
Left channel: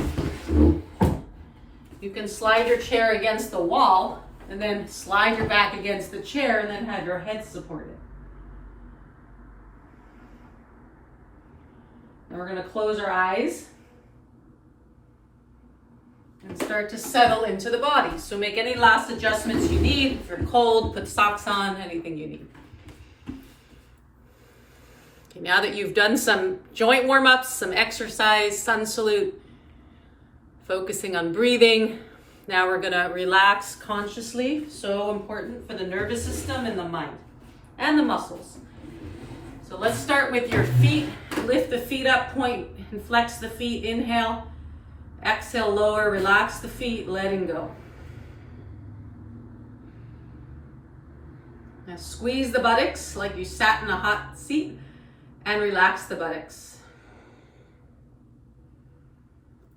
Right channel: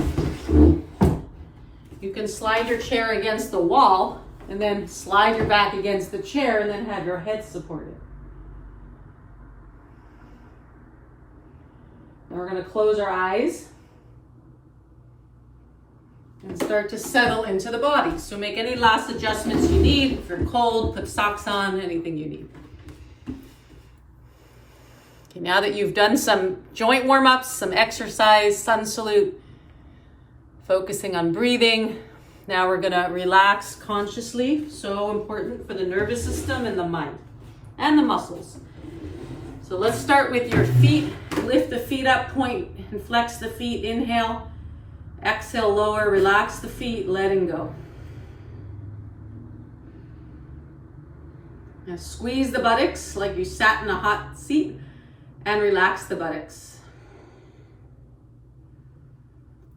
you can slide your chair against the wall, and then slide your back against the chair, and then have your head supported. Now we're going to close our eyes and start to settle into the body. So make any last adjustments you need. If you're cold, put socks on, anything you need. Okay, now that you've done some joint warm-ups, some exercise, sun salute, focusing on breathing, now we're gonna relax consciously. So important for the nervous system and the mind and the muscles. So let's start with your feet. Lift the feet up, point and flex the feet. Inhale, exhale, lower, relax the feet, letting go. Now squeeze the buttocks like you sat in a hot seat and relax the buttocks.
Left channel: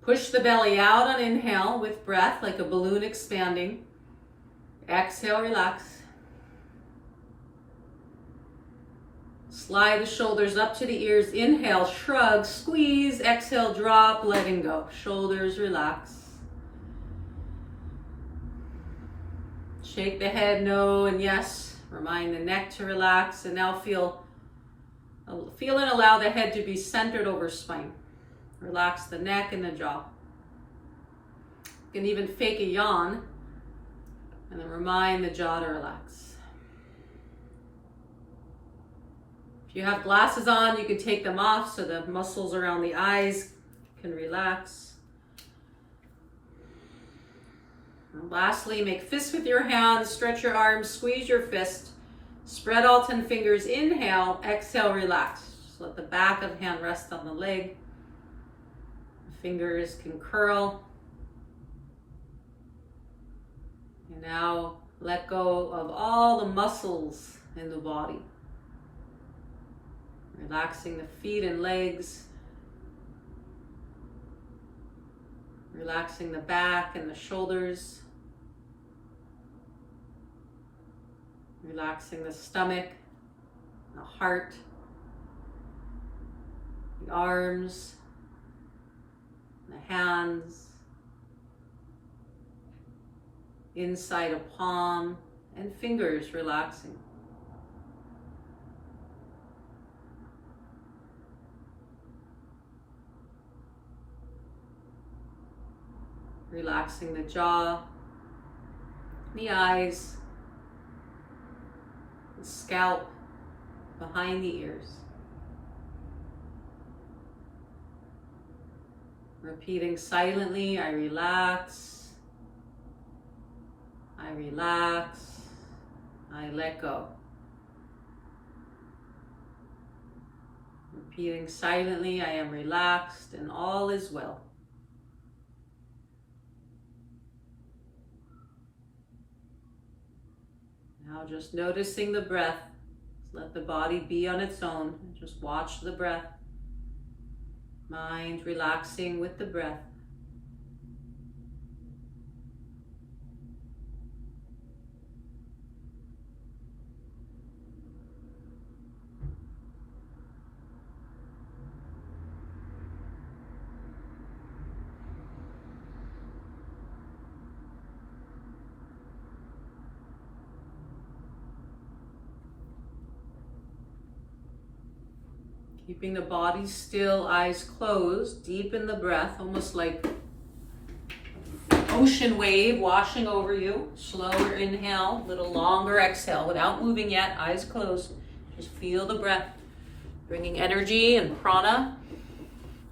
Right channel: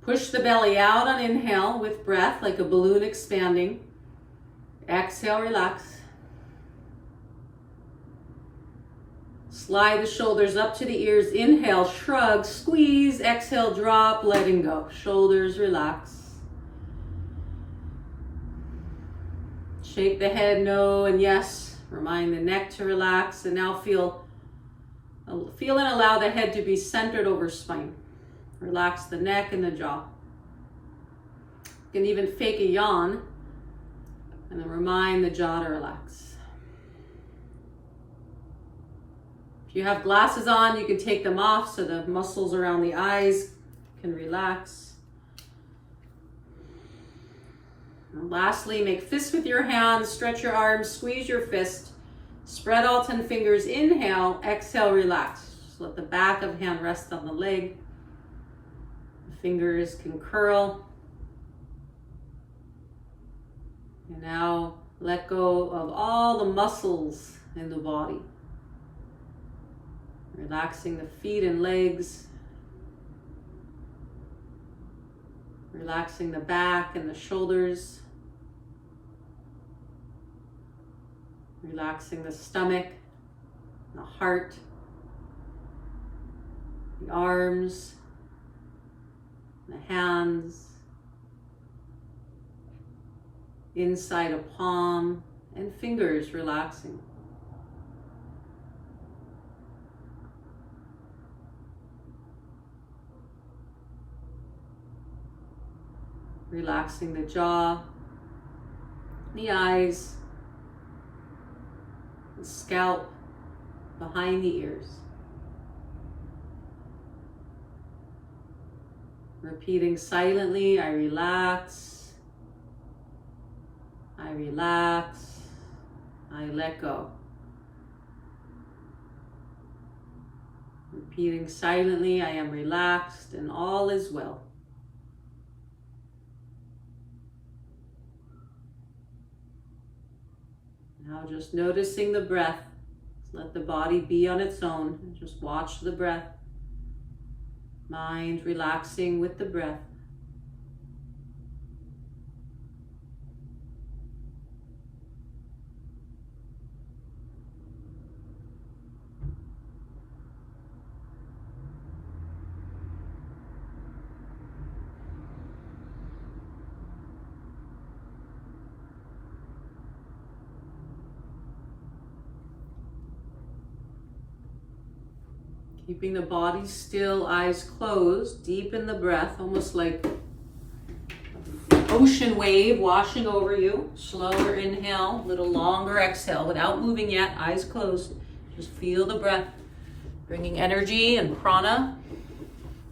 Push the belly out on inhale with breath like a balloon expanding. Exhale, relax. Slide the shoulders up to the ears. Inhale, shrug, squeeze. Exhale, drop, letting go. Shoulders relax. Shake the head, no and yes. Remind the neck to relax. And now feel and allow the head to be centered over spine. Relax the neck and the jaw. You can even fake a yawn and then remind the jaw to relax. If you have glasses on, you can take them off so the muscles around the eyes can relax. And lastly, make fists with your hands, stretch your arms, squeeze your fist, spread all 10 fingers, inhale, exhale, relax. Just let the back of hand rest on the leg. The fingers can curl. And now let go of all the muscles in the body. Relaxing the feet and legs. Relaxing the back and the shoulders. Relaxing the stomach, the heart, the arms, the hands, inside a palm, and fingers relaxing. Relaxing the jaw, the eyes, the scalp, behind the ears. Repeating silently, I relax, I relax, I let go. Repeating silently, I am relaxed and all is well. Now just noticing the breath. Let the body be on its own. Just watch the breath. Mind relaxing with the breath. Keeping the body still, eyes closed, deepen the breath, almost like an ocean wave washing over you. Slower inhale, a little longer exhale without moving yet, eyes closed. Just feel the breath, bringing energy and prana.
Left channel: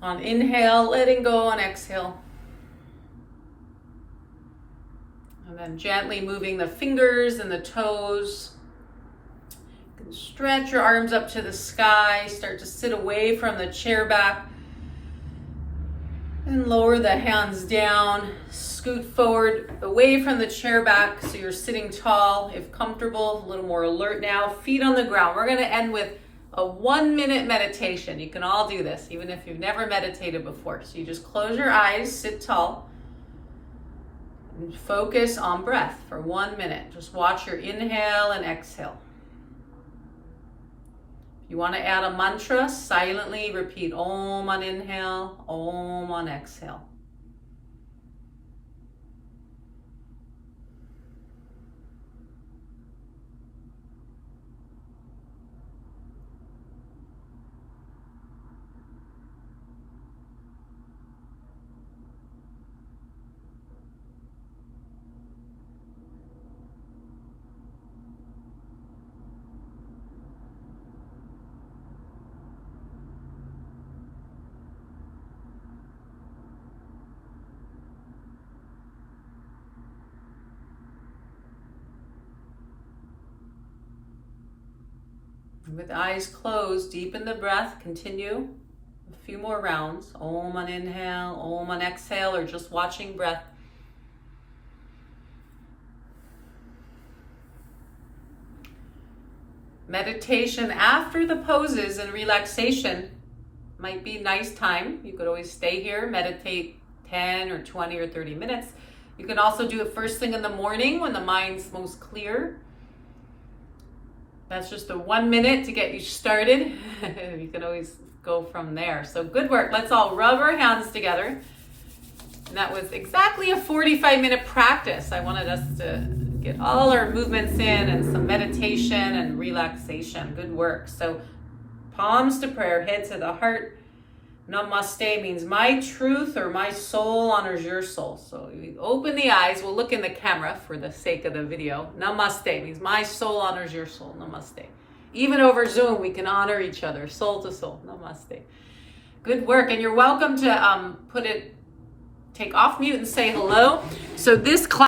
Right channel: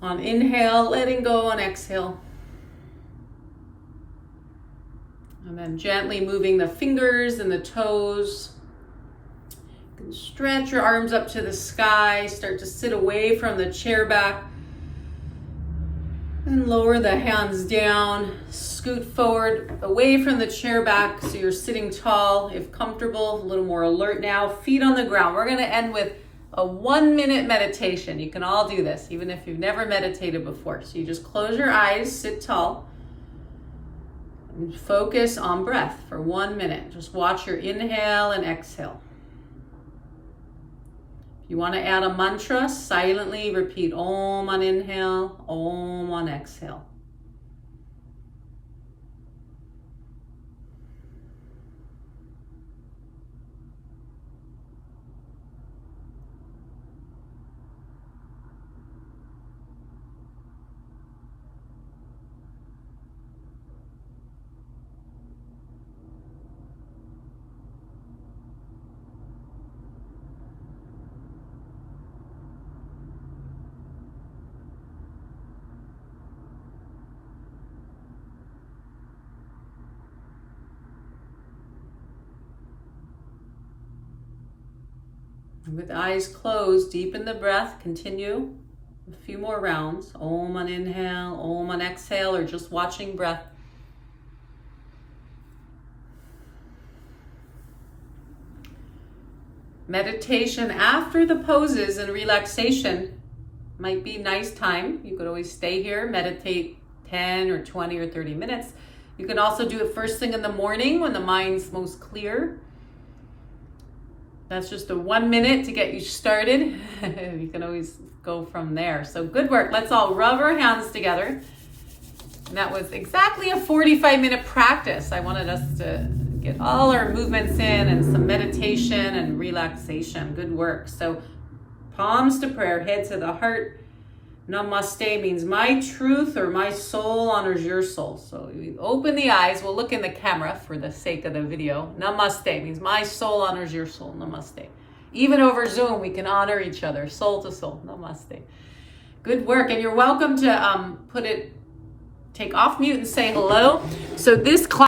On inhale, letting go on exhale. And then gently moving the fingers and the toes. Stretch your arms up to the sky. Start to sit away from the chair back. And lower the hands down. Scoot forward away from the chair back so you're sitting tall, if comfortable, a little more alert now. Feet on the ground. We're going to end with a 1-minute meditation. You can all do this, even if you've never meditated before. So you just close your eyes, sit tall, and focus on breath for 1 minute. Just watch your inhale and exhale. You want to add a mantra, silently repeat Om on inhale, Om on exhale. With eyes closed, deepen the breath. Continue a few more rounds. Om on inhale, Om on exhale, or just watching breath. Meditation after the poses and relaxation might be nice time. You could always stay here, meditate 10 or 20 or 30 minutes. You can also do it first thing in the morning when the mind's most clear. That's just a 1 minute to get you started. You can always go from there. So good work. Let's all rub our hands together. And that was exactly a 45-minute practice. I wanted us to get all our movements in and some meditation and relaxation. Good work. So palms to prayer, head to the heart. Namaste means my truth or my soul honors your soul. So you open the eyes. We'll look in the camera for the sake of the video. Namaste means my soul honors your soul. Namaste. Even over Zoom, we can honor each other, soul to soul. Namaste. Good work. And you're welcome to take off mute and say hello. So this class